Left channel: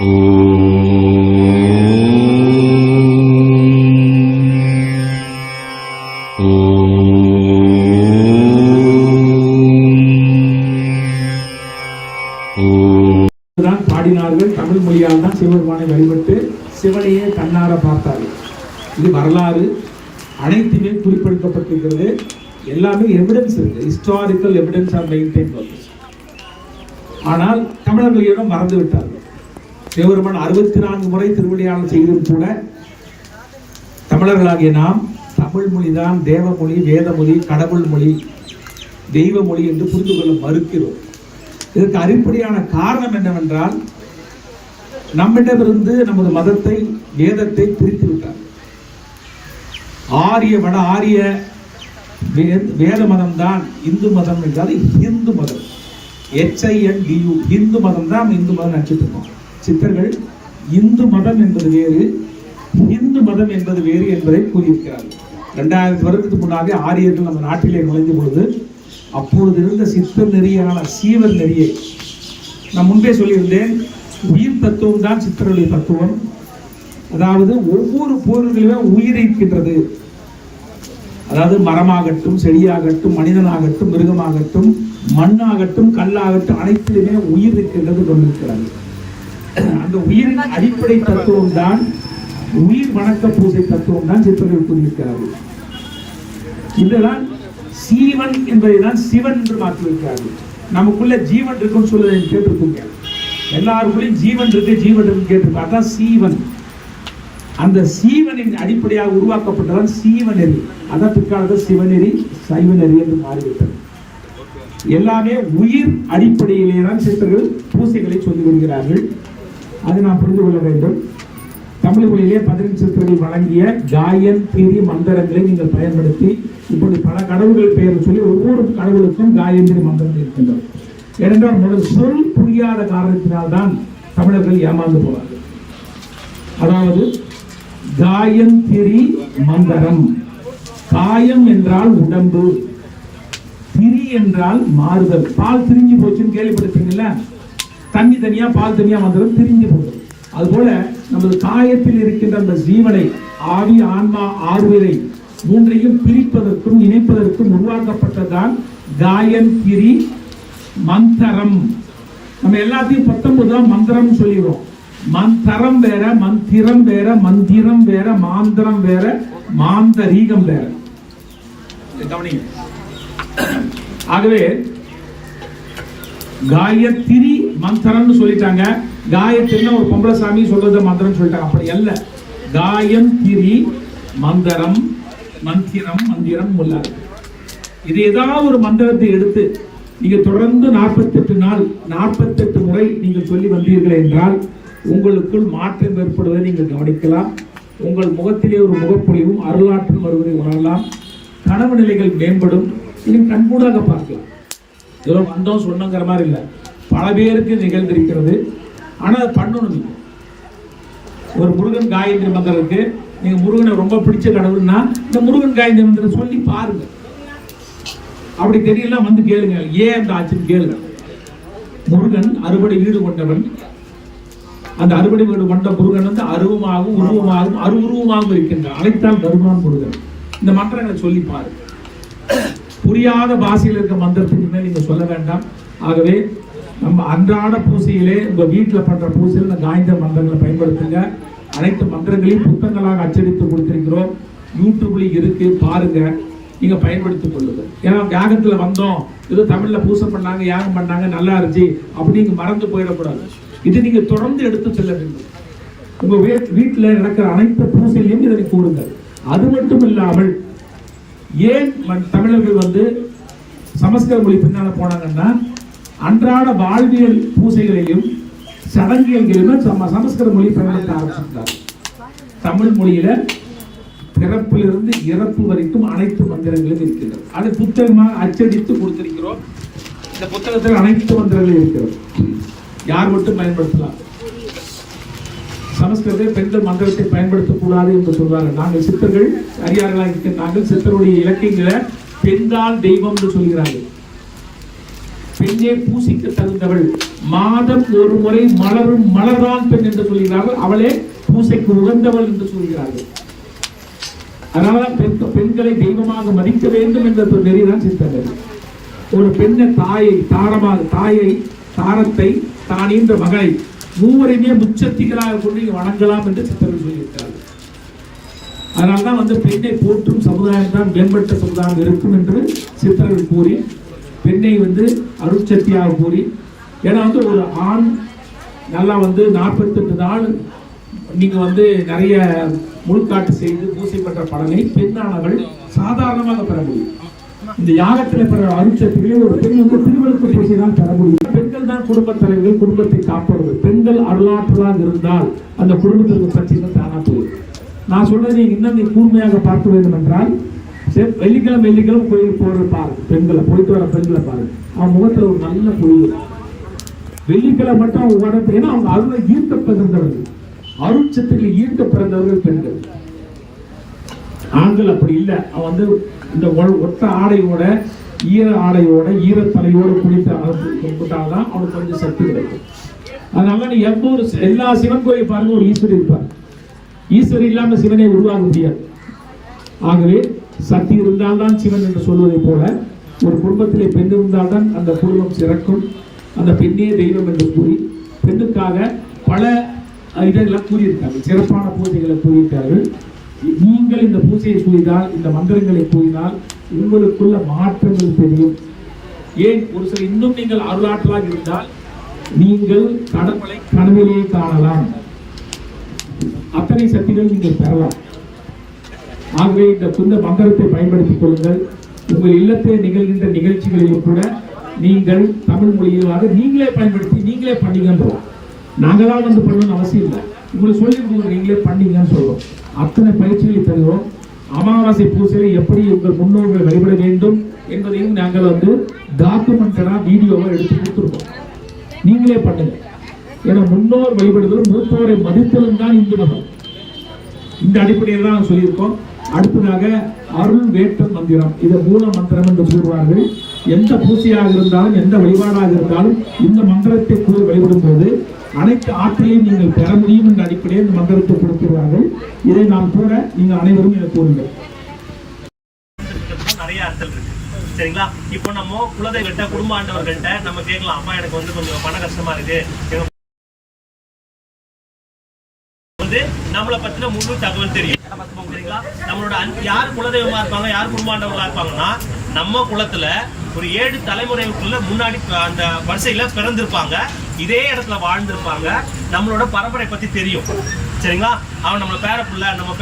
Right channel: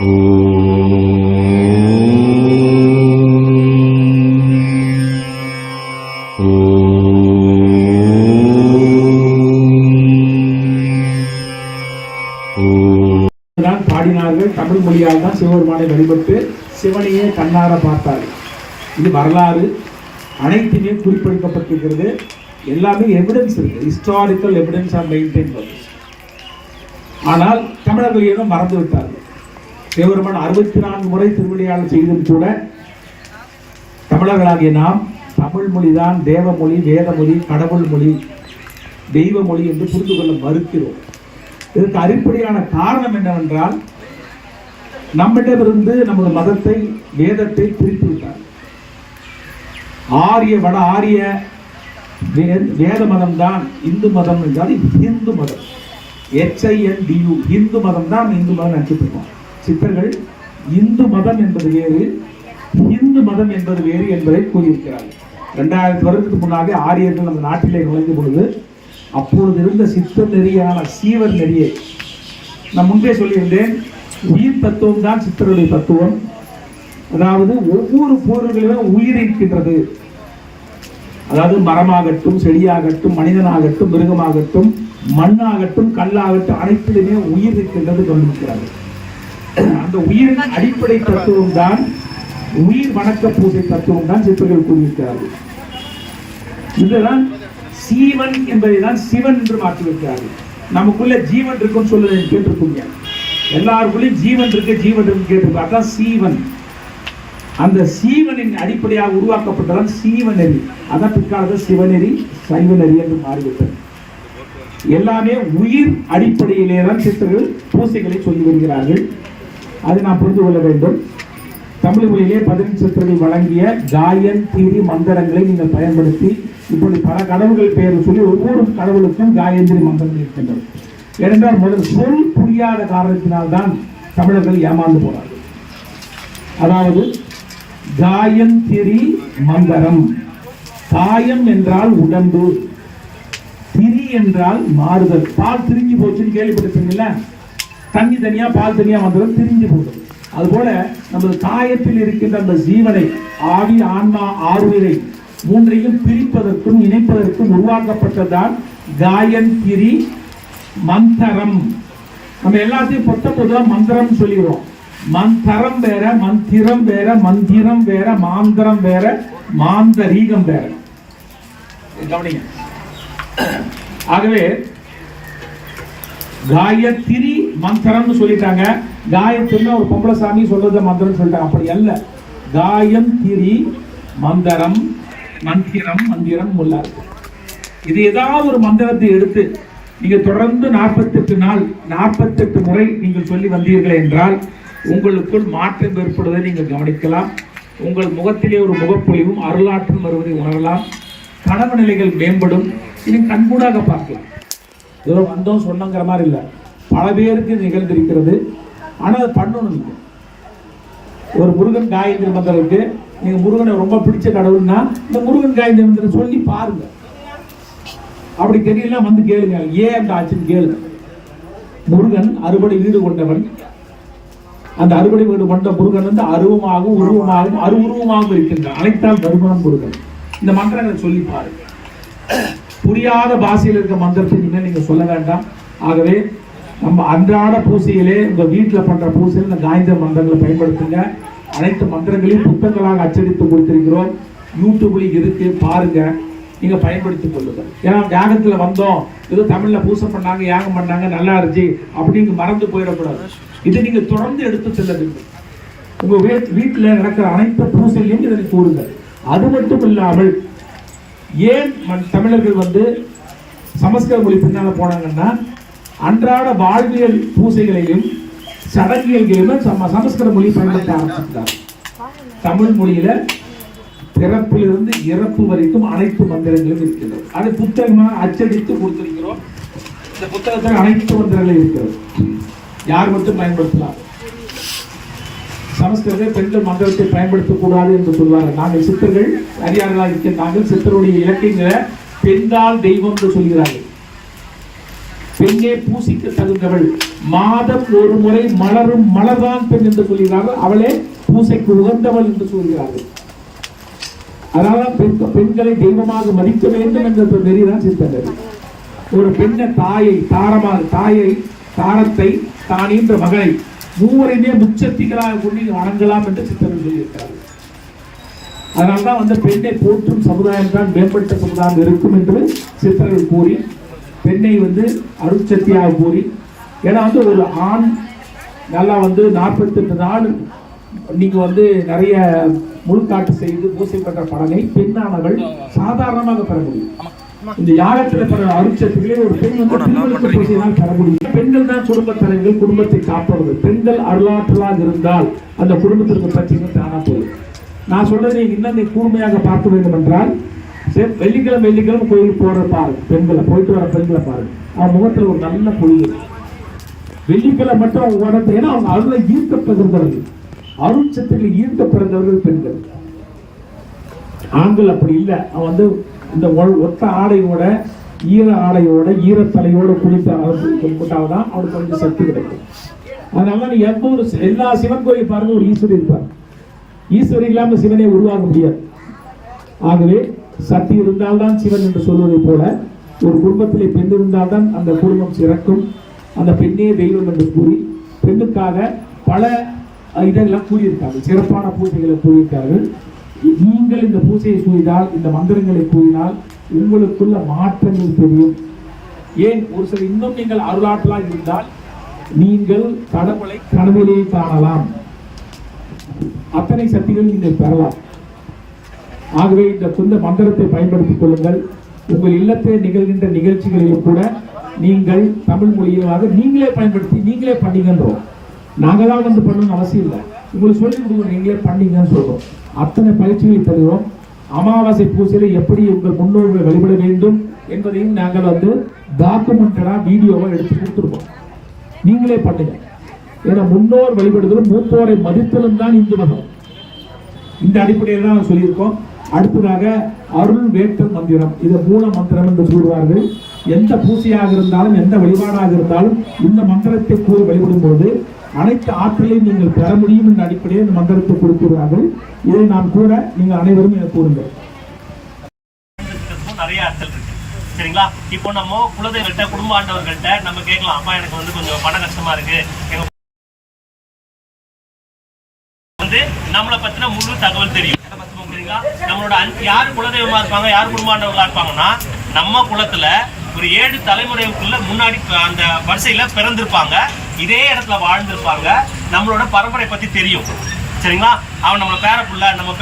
பாடினார்கள். தமிழ் மொழியால் தான் சிவபெருமானை வழிபட்டு சிவனையே கண்ணார பார்த்தார்கள். இது வரலாறு அனைத்துமே குறிப்பிடப்பட்டிருக்கிறது. எல்லாமே எவிடன்ஸ் இருக்கு, ஹிஸ்டாரிக்கல் எவிடன்ஸ் ஆர் மெயின்டைன். ஆனால் தமிழர்கள் ஏதோ மறந்து விட்டார்கள். சிவபெருமான் 64 முறை திருவிளையாடல் செய்தும் கூட தமிழர்களாகிய நாம் தமிழ் மொழிதான் தேவமொழி, வேதமொழி, கடவுள் மொழி, தெய்வ மொழி என்று புரிந்து கொள்ள மறுக்கிறோம். இதற்கு அடிப்படையான காரணம் என்னவென்றால், நம்மிடமிருந்து நமது மதத்தை, வேதத்தை பிரித்து விட்டார். ஆரிய வட ஆரிய வேத மதம் தான் இந்து மதம் என்றால் இந்து மதம், HINDU, இந்து மதம் தான் இந்து மதம் நினைச்சிட்டு இருக்கோம். சித்தர்கள் இந்து மதம் என்பது வேறு, இந்து மதம் என்பது வேறு என்பதை கூறியிருக்கிறார்கள். 2000 வருடத்துக்கு முன்னாடி ஆரியர்கள் நம்ம நாட்டிலே நுழைந்த பொழுது அப்பொழுது இருந்த சித்தம் நெறியான சீவர் நெறியை நான் முன்பே சொல்லியிருந்தேன். உயிர் தத்துவம் தான் சித்தருடைய தத்துவம். அதாவது ஒவ்வொரு பொருளிலுமே உயிர் இருக்கின்றது. அதாவது மரமாகட்டும், செடியாகட்டும், மனிதனாகட்டும், மிருகமாகட்டும், மண்ணாகட்டும், கல்லாகட்டும், அனைத்திலுமே உயிர் இருக்கின்றது கொண்டிருக்கிறார்கள். அந்த உயிரின் அடிப்படை தத்துவம் தான் உயிர் வணக்க பூஜை தத்துவம் தான் சித்தர்கள் கூறியிருக்கிறார்கள். இதுதான் சீவன் என்பதை தான் சிவன் என்று மாற்றியிருக்கிறார்கள். நமக்குள்ள ஜீவன் இருக்குன்னு சொல்லுவதை கேட்டிருக்கீங்க. எல்லாருக்குள்ளேயும் ஜீவன் இருக்கு, ஜீவன் இருக்கு கேட்டிருக்கோம். அதான் சீவன். அந்த சீவனின் அடிப்படையாக உருவாக்கப்பட்டவன் சீவநெறி. அதான் பிற்காலத்தில் சிவநெறி, சைவநெறி என்று மாறிவிட்டது. எல்லாமே உயிர் அடிப்படையிலே தான் சித்தர்கள் பூசைகளை சொல்லி வருகிறார்கள். அதை நாம் புரிந்து கொள்ள வேண்டும். தமிழ் மொழியிலே 15 சித்தர்கள் வழங்கிய காயன் தீரி மந்திரங்களை நீங்கள் பயன்படுத்தி இப்படி பல கடவுள்கள் பெயர் சொல்லி ஒவ்வொரு கடவுளுக்கும் காயந்திரி மந்திரங்கள் இருக்கின்றது. ஏனென்றால் முதல் சொல் புரியாத காரணத்தினால்தான் தமிழர்கள் ஏமாந்து போவார்கள். அதாவது காயந்திரி மந்திரம், காயம் என்றால் உடம்பு, திரி என்றால் மாறுதல். பால் திரிஞ்சு போச்சுன்னு கேள்விப்பட்டிருக்கீங்கல்ல, தண்ணி தனியா பால் தனியா வந்தது திரிஞ்சு போகுது. அதுபோல நமது காயத்தில் இருக்கின்ற அந்த ஜீவனை, ஆவி, ஆன்மா, ஆறுயிரை மூன்றையும் பிரிப்பதற்கும் இணைப்பதற்கும் உருவாக்கப்பட்டதான் காயந்திரி மந்திரம். நம்ம எல்லாத்தையும் 19 மந்திரம் சொல்லிடுறோம். மந்திரம் வேற, மந்திரம் வேற, மந்திரம் வேற, மாந்திரம் வேற, மாந்தரீகம் வேற. கவனிங்க. ஆகவே காயத்ரி மந்திரம்னு சொல்லிட்டாங்க. காயத்ரினா ஒரு பொம்பளை சாமி சொல்றது மந்திரம் சொல்லிட்டாங்க. அப்படி அல்ல. காயம் திரி மந்திரம், மந்திரம், மந்திரம் உள்ளார். இது ஏதாவது ஒரு மந்திரத்தை எடுத்து நீங்க தொடர்ந்து 48 நாள் 48 முறை நீங்கள் சொல்லி வந்தீர்கள் என்றால் உங்களுக்குள் மாற்றம் ஏற்படுவதை நீங்கள் கவனிக்கலாம். உங்கள் முகத்திலே ஒரு முகப்பொழிவும் அருளாற்றும் வருவதை உணரலாம். கனவு நிலைகள் மேம்படும். இது கண்கூடாக பார்க்கலாம். ஏதோ வந்தோம் சொன்னங்கிற மாதிரி இல்லை, பல பேருக்கு நிகழ்ந்திருக்கிறது. ஆனால் அது பண்ணணும். இல்லை ஒரு முருகன் காயத்ரி மந்திரம் இருக்கு. நீங்க முருகனை ரொம்ப பிடிச்ச கடவுள்னா இந்த முருகன் காயத்ரி மந்திரம் சொல்லி பாருங்க. அப்படி தெரியல வந்து கேளுங்க, ஏன் அந்த ஆச்சுன்னு கேளுங்க. முருகன் அறுபடை வீடு கொண்டவன். அந்த அறுபடை வீடு கொண்ட முருகன் வந்து அருவமாகவும் உருவமாகவும் அருவுருவமாகவும் இருக்கின்றான். அழைத்தால் வருவான் முருகன். இந்த மந்திரங்களை சொல்லி பாருங்க. புரியாத பாஷையில் இருக்க மந்திரத்துக்கு மேல் நீங்க சொல்ல வேண்டாம். ஆகவே நம்ம அன்றாட பூசையிலே உங்க வீட்டில் பண்ற பூசையில் இந்த காயத்ரி மந்திரங்களை பயன்படுத்துங்க. அனைத்து மந்திரங்களையும் புத்தகங்களாக அச்சடித்து கொடுத்திருக்கிறோம். யூடியூப்ல இருக்கு, பாருங்க, நீங்க பயன்படுத்திக் கொள்ளுங்க. ஏன்னா யாகத்துல வந்தோம், ஏதோ தமிழ்ல பூசை பண்ணாங்க, யாகம் பண்ணாங்க, நல்லா இருந்துச்சு அப்படிங்க மறந்து போயிடக்கூடாது. இது நீங்க தொடர்ந்து எடுத்து செல்ல வேண்டும். உங்க வீட்டில் நடக்கிற அனைத்து பூசையிலையும் இதனை கூறுங்க. அது மட்டும் இல்லாமல் ஏன் தமிழர்கள் வந்து சமஸ்கிருத மொழி பின்னால போனாங்கன்னா, அன்றாட வாழ்வியல் பூசைகளிலும் சடங்குகளிலும் சமஸ்கிருத மொழி பயன்படுத்த ஆரம்பிச்சிருந்தார். தமிழ் மொழியில பிறப்பிலிருந்து இறப்பு வரைக்கும் அனைத்து மந்திரங்களும் இருக்கிறது. அது புத்தகமாக அச்சடித்து கொடுத்திருக்கிறோம். இந்த புத்தகத்தில் அனைத்து மந்திரங்களும் இருக்கிறது. யார் மட்டும் பயன்படுத்தலாம். சமஸ்கிருதத்தில் பெண்கள் மந்திரத்தை பயன்படுத்தக்கூடாது என்று சொல்வார்கள். நாங்கள் சித்தர்கள் அறியார்களாக இருக்க நாங்கள் சித்தருடைய இலக்கியங்களை பெண்தான் தெய்வம் என்று சொல்கிறார்கள். பெண்ணே பூசிக்க தகுந்தவள், மாதம் ஒரு முறை மலரும் மலர்தான் பெண் என்று சொல்கிறார்கள், அவளே பூசைக்கு உகந்தவள் என்று சொல்கிறார்கள். அதனால்தான் பெண்களை தெய்வமாக மதிக்க வேண்டும் என்ற நெறிதான் சித்தர் நெறி. ஒரு பெண்ணை தாரத்தை தானின்ற மகளை மூவரையுமே முச்சக்திகளாக கொண்டு வணங்கலாம் என்று சித்தர்கள் சொல்லியிருக்கிறார்கள். அதனால்தான் பெண்ணை போற்றும் சமுதாயம் தான் மேம்பட்ட சமுதாயம் இருக்கும் என்று சித்தர்கள் கூறி பெண்ணை அருட்சக்தியாக கூறி, ஏன்னா ஒரு ஆண் நல்லா 48 நாள் நீங்க நிறைய முழுக்காட்டு செய்து பூசைப்பட்ட பலனை பெண்ணானவள் சாதாரணமாக பெற முடியும். இந்த யாகத்தில் பெற அருட்சக்திகளை ஒரு பெண் பெற முடியும். பெண்கள் தான் குடும்ப தலைவர்கள், குடும்பத்தை காப்பவர்கள். பெண்கள் அருளாற்றலாக இருந்தால் அந்த குடும்பத்திற்கு பற்றிகள் தானா போகும். நான் சொல்றதை இன்னும் நீ கூர்மையாக பார்க்க வேண்டும் என்றால், வெள்ளிக்கிழமை கோயிலுக்கு போற பாரு, பெண்களை போயிட்டு வர பெண்களை பாரு, அவன் முகத்துல ஒரு நல்ல பொழிவு. வெள்ளிக்கிழமை மட்டும் அவங்க உடனே, ஏன்னா அவங்க அருளை ஈர்க்க பிறந்தவர்கள், அருட்சத்தில் ஈர்க்க பிறந்தவர்கள் பெண்கள். ஆண்கள் அப்படி இல்லை. அவன் இந்த ஒத்த ஆடையோட ஈர ஆடையோட ஈரத்தலையோட குடித்தால்தான் அவனுக்கு கொஞ்சம் சக்தி கிடைக்கும். அதனால நீ எல்லா சிவன் கோயில் பாருங்க, ஒரு ஈஸ்வரி இருப்பார். ஈஸ்வரி இல்லாம சிவனை உருவாக முடியாது. ஆகவே சக்தி இருந்தால்தான் சிவன் என்று சொல்வதை போல ஒரு குடும்பத்திலே பெண் இருந்தால்தான் அந்த குடும்பம் சிறக்கும். அந்த பெண்ணே தெய்வம் என்று கூறி பெண்ணுக்காக பல இதெல்லாம் கூறியிருக்கார்கள், சிறப்பான பூஜைகளை கூறியிருக்கார்கள். நீங்கள் இந்த பூஜையை செய்தால், இந்த மந்திரங்களை கூறினால் உங்களுக்குள்ள மாற்றங்கள் தெரியும். ஏன் ஒரு சில இன்னும் நீங்கள் அருளாற்றலாக இருந்தால் நீங்கள் கடவுளை கனவிலேயே காணலாம். அத்தனை சக்திகள் நீங்கள் பெறலாம். ஆகவே இந்த மந்திரத்தை பயன்படுத்திக் கொள்ளுங்கள். உங்கள் இல்லத்தில் நிகழ்கின்ற நிகழ்ச்சிகளிலும் கூட நீங்கள் தமிழ் மொழியாக நீங்களே பயன்படுத்தி நீங்களே பண்ணிங்கன்றோம். நாங்கள் தான் பண்ணணும்னு அவசியம் இல்லை. உங்களுக்கு சொல்லி கொடுக்குறோம், நீங்களே பண்ணீங்கன்னு சொல்றோம். அத்தனை பயிற்சிகளை தருகிறோம். அமாவாசை பூசையில் எப்படி உங்கள் முன்னோர்களை வழிபட வேண்டும் என்பதையும் நாங்கள் டாக்குமெண்டடா வீடியோவை எடுத்து கொடுத்துருவோம். நீங்களே பண்ணுங்க. ஏன்னா முன்னோர் வழிபடுதலும் மூத்தோரை மதித்தலும் தான் இந்து மதம். இந்த அடிப்படையில் தான் சொல்லியிருக்கோம். அடுத்ததாக அருள் வேட்டல் மந்திரம், இதை மூல மந்திரம் என்று சொல்கிறார்கள். எந்த பூசையாக இருந்தாலும் எந்த வழிபாடாக இருந்தாலும் இந்த மந்திரத்தை கூறி வழிபடும் போது அனைத்து ஆற்றலையும் நீங்கள் பெற முடியும் என்ற அடிப்படையில் இந்த மந்திரத்தை கொடுக்கிறார்கள். இதை நாம் கூட நீங்கள் அனைவரும் எனக்கு கூறுங்கள். நிறைய அர்த்தம் இருக்கு, சரிங்களா? இப்போ நம்ம குலதெய்வர்கிட்ட, குடும்ப ஆண்டவர்கள்ட்ட நம்ம கேட்கலாம், அப்பா எனக்கு கொஞ்சம் பண கஷ்டமா இருக்கு, எங்க நம்மளை பத்தின முழு தகவல் தெரியும். நம்மளோட யார் குலதெய்வமா இருப்பாங்க, யார் குடும்பாண்டவர்களா இருப்பாங்கன்னா, நம்ம குலத்துல ஒரு 7 தலைமுறைக்குள்ள முன்னாடி அந்த வரிசையில பிறந்திருப்பாங்க, இதே இடத்துல வாழ்ந்திருப்பாங்க. நம்மளோட பரம்பரை பத்தி தெரியும், சரிங்களா? அவன் நம்மள பேர புள்ள, நம்ம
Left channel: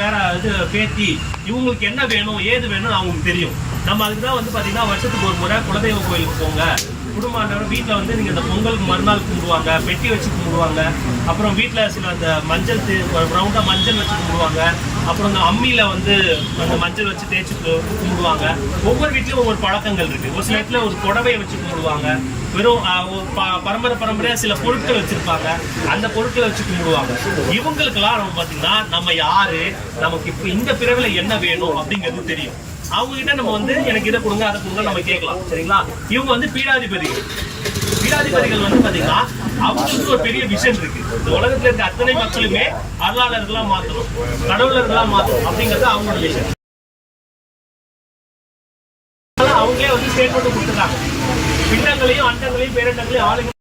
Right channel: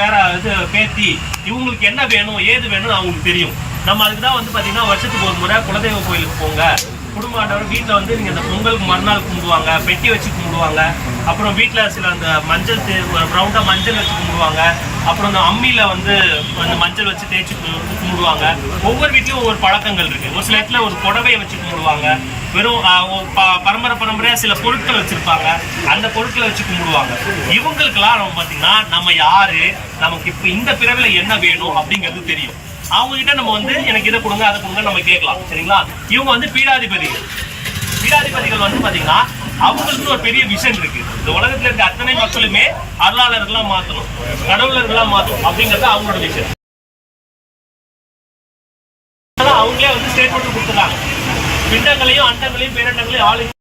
பேத்தி, இவங்களுக்கு என்ன வேணும் ஏது வேணும்னு அவங்களுக்கு தெரியும். நம்ம அதுக்குதான் பாத்தீங்கன்னா வருஷத்துக்கு ஒரு முறை குலதெய்வ கோயிலுக்கு போங்க. குடும்பாண்டவர் வீட்டில் நீங்கள் அந்த பொங்கலுக்கு மறுநாள் கும்பிடுவாங்க, பெட்டி வச்சு கும்பிடுவாங்க. அப்புறம் வீட்டில் சில அந்த மஞ்சள் ரவுண்டாக மஞ்சள் வச்சு கும்பிடுவாங்க. அப்புறம் அந்த அம்மியில் அந்த மஞ்சள் வச்சு தேய்ச்சி கும்பிடுவாங்க. ஒவ்வொரு வீட்லையும் ஒவ்வொரு பழக்கங்கள் இருக்குது. ஒரு சில இடத்துல ஒரு புடவையை வச்சு கும்பிடுவாங்க. வெறும் பரம்பரையாக சில பொருட்கள் வச்சுருப்பாங்க, அந்த பொருட்களை வச்சு கும்பிடுவாங்க. இவங்களுக்கெல்லாம் நம்ம பார்த்தீங்கன்னா நம்ம யார், நமக்கு இப்போ இந்த பிறவில என்ன வேணும் அப்படிங்கிறது தெரியும். அவங்க கிட்ட நம்ம எனக்கு இதை கொடுங்க அதை கொடுங்க நம்ம கேட்கலாம், சரிங்களா? இவங்க பீடாதிபதிகள். பீடாதிபதிகள் பாத்தீங்கன்னா அவங்களுக்கு ஒரு பெரிய விஷன் இருக்கு. இந்த உலகத்துல இருக்க அத்தனை மக்களுமே அருளாளர்களா மாத்தணும், கடவுளர்களா மாத்தணும் அப்படிங்கறது அவங்களோட விஷன். அவங்களே ஸ்டேட்மெண்ட் கொடுத்துருக்காங்க. பிண்டங்களையும் அண்டங்களையும் பேரண்டங்களையும் ஆளுங்க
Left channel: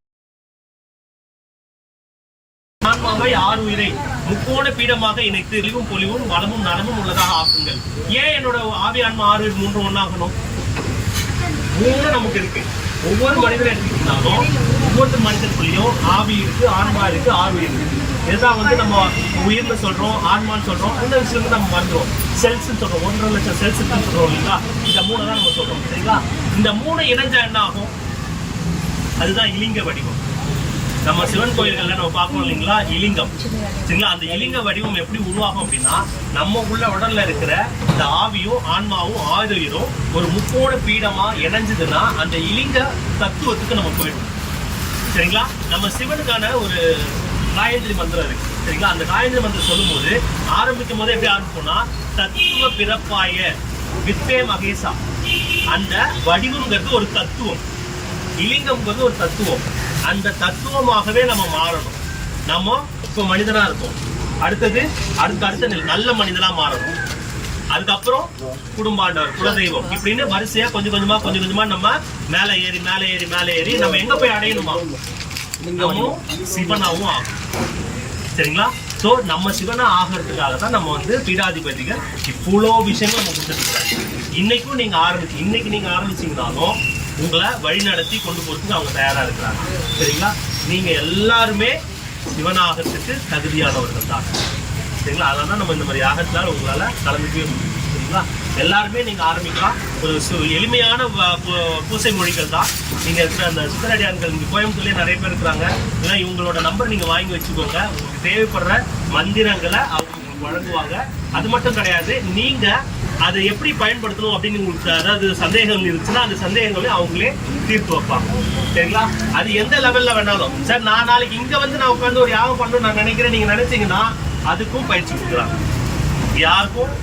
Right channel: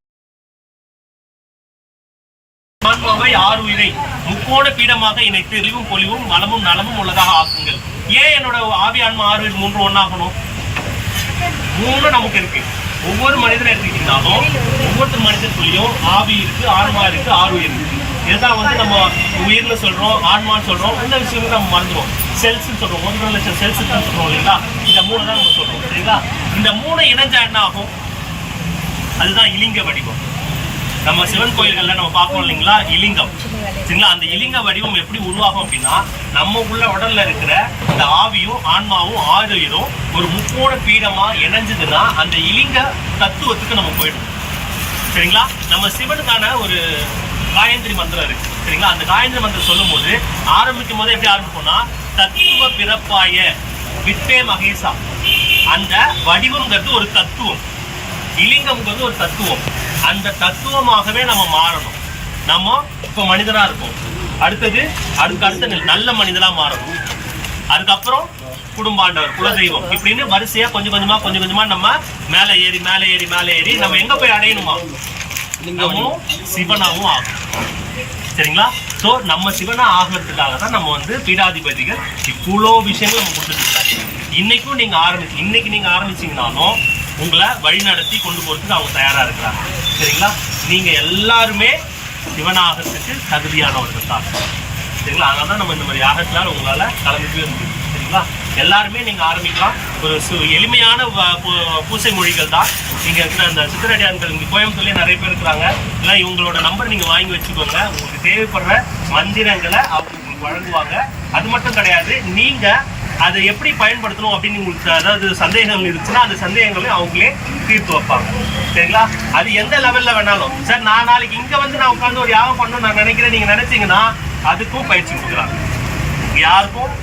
ஆன்மாவை 6 உயிரை முக்கோண பீடமாக இணைத்து தெளிவும் பொலிவும் நலமும் நலமும் உள்ளதாக ஆக்குங்கள். ஏன் என்னோட ஆவி ஆன்மா 6 உயிர் 3 ஒன்னாகணும்? 3 நமக்கு இருக்கு. ஒவ்வொரு மனிதரை எடுத்துக்கிட்டாலும் ஒவ்வொரு மனிதனுக்குள்ளேயும் ஆவி இருக்கு, ஆன்மா இருக்கு, 6 உயிர் இருக்கு. இதுதான் நம்ம உயிர்ல சொல்றோம், ஆன்மான்னு சொல்றோம். இந்த விஷயங்கள் நம்ம மறந்துடும். செல்ஸ் சொல்றோம், 1.5 லட்சம் செல்ஸ் சொல்றோம் இல்லைங்களா? இந்த 3 தான் நம்ம சொல்றோம், சரிங்களா? இந்த 3 இணைஞ்சா என்ன ஆகும்? அதுதான் இலிங்க வடிவம். நம்ம சிவன் கோயில்கள்ல நம்ம பார்ப்போம் இல்லைங்களா, இலிங்கம், சரிங்களா? அந்த இலிங்க வடிவம் எப்படி உருவாகும் அப்படின்னா, நம்ம உள்ள உடல்ல இருக்கிற இந்த ஆவியும் ஆன்மாவும் 6 உயிரும் ஒரு முக்கோண பீடமா இணைஞ்சதுன்னா அந்த இலிங்க தத்துவத்துக்கு நம்ம போயிடும், சரிங்களா? நம்ம சிவனுக்கான ஒரு காயத்ரி மந்திரம் இருக்கு, சரிங்களா? அந்த காயத்ரி மந்திரம் சொல்லும் போது ஆரம்பிக்கும் போது எப்படி ஆரம்பிப்போம்னா, தத்துவ பிறப்பாய வித்தே மகேசா. அந்த வடிவம்ங்கிறது ஒரு தத்துவம், இலிங்கம்ங்கிறது ஒரு தத்துவம். அந்த தத்துவமாகவே நம்ம மாறணும். நம்ம இப்போ மனிதனா இருக்கோம். அடுத்தது அடுத்த நல்ல மனிதனா மாறணும். அதுக்கப்புறம் குடும்பாண்டவர், குலதெய்வம், இப்படின்னு வரிசையா கொஞ்சம் கொஞ்சமா நம்ம மேலே ஏறி நம்ம எங்க போய் அடையணுமா? நம்மளும் சிவனாவும் ஆகும். சரிங்களா? ஸோ நம்ம சிவனா ஆகிறதுக்காக தான் நம்ம வந்து பீடாதிபதிகள் இவ்வளோ விஷயங்கள் நம்ம கொடுத்துட்டு இருக்காங்க. இன்னைக்கும் நீங்க ஆரம்பிச்சீங்கனாலும் உங்களை வழி நடத்தி கொண்டு போறதுக்கு அவங்க தயாரா இருக்கிறாங்க. சரிங்களா? நீங்க எல்லாருமே சிவனாகத்துக்கு தகுதியானவர்கள் தான். சரிங்களா? அதனால தான் நம்ம இந்த மாதிரி யாகத்தினால் உங்களால கலந்துக்கவே முடியும். சரிங்களா? எல்லாருமே நீங்க ஆரம்பிக்கலாம். ஒரு எளிமையான பூசை மொழிகள் தான். நீங்க இருக்கிற அந்த சித்தரடியான்கள் இங்க கோயம்புத்தூர்லயே நிறைய பேர் இருக்கிறாங்க. இல்லை இவங்களோட நம்பர் நீங்க வாங்கி வச்சுக்கோங்க. உங்களுக்கு தேவைப்படுற மந்திரங்களை அவங்க உங்களுக்கு வழங்குவாங்க. அது மட்டும் கிடையாது, நீங்க அதை எப்படி பயன்படுத்தணும் அப்படின்னு உங்களுக்கு அதாவது சந்தேகங்கள் இருந்துச்சுன்னா அந்த சந்தேகங்களையும் அவங்களே தீர்த்து வைப்பாங்க. சரிங்களா? அது எந்த லெவல்ல வேணாலும், சார் நான் நாளைக்கு இங்க வந்து நான் உட்காந்து ஒரு யாகம் பண்ணணும்னு நான் நினைக்கிறேன் நீங்க நினைச்சீங்கன்னா அதுக்கும் பயிற்சி கொடுக்குறாங்க. யாருக்கும்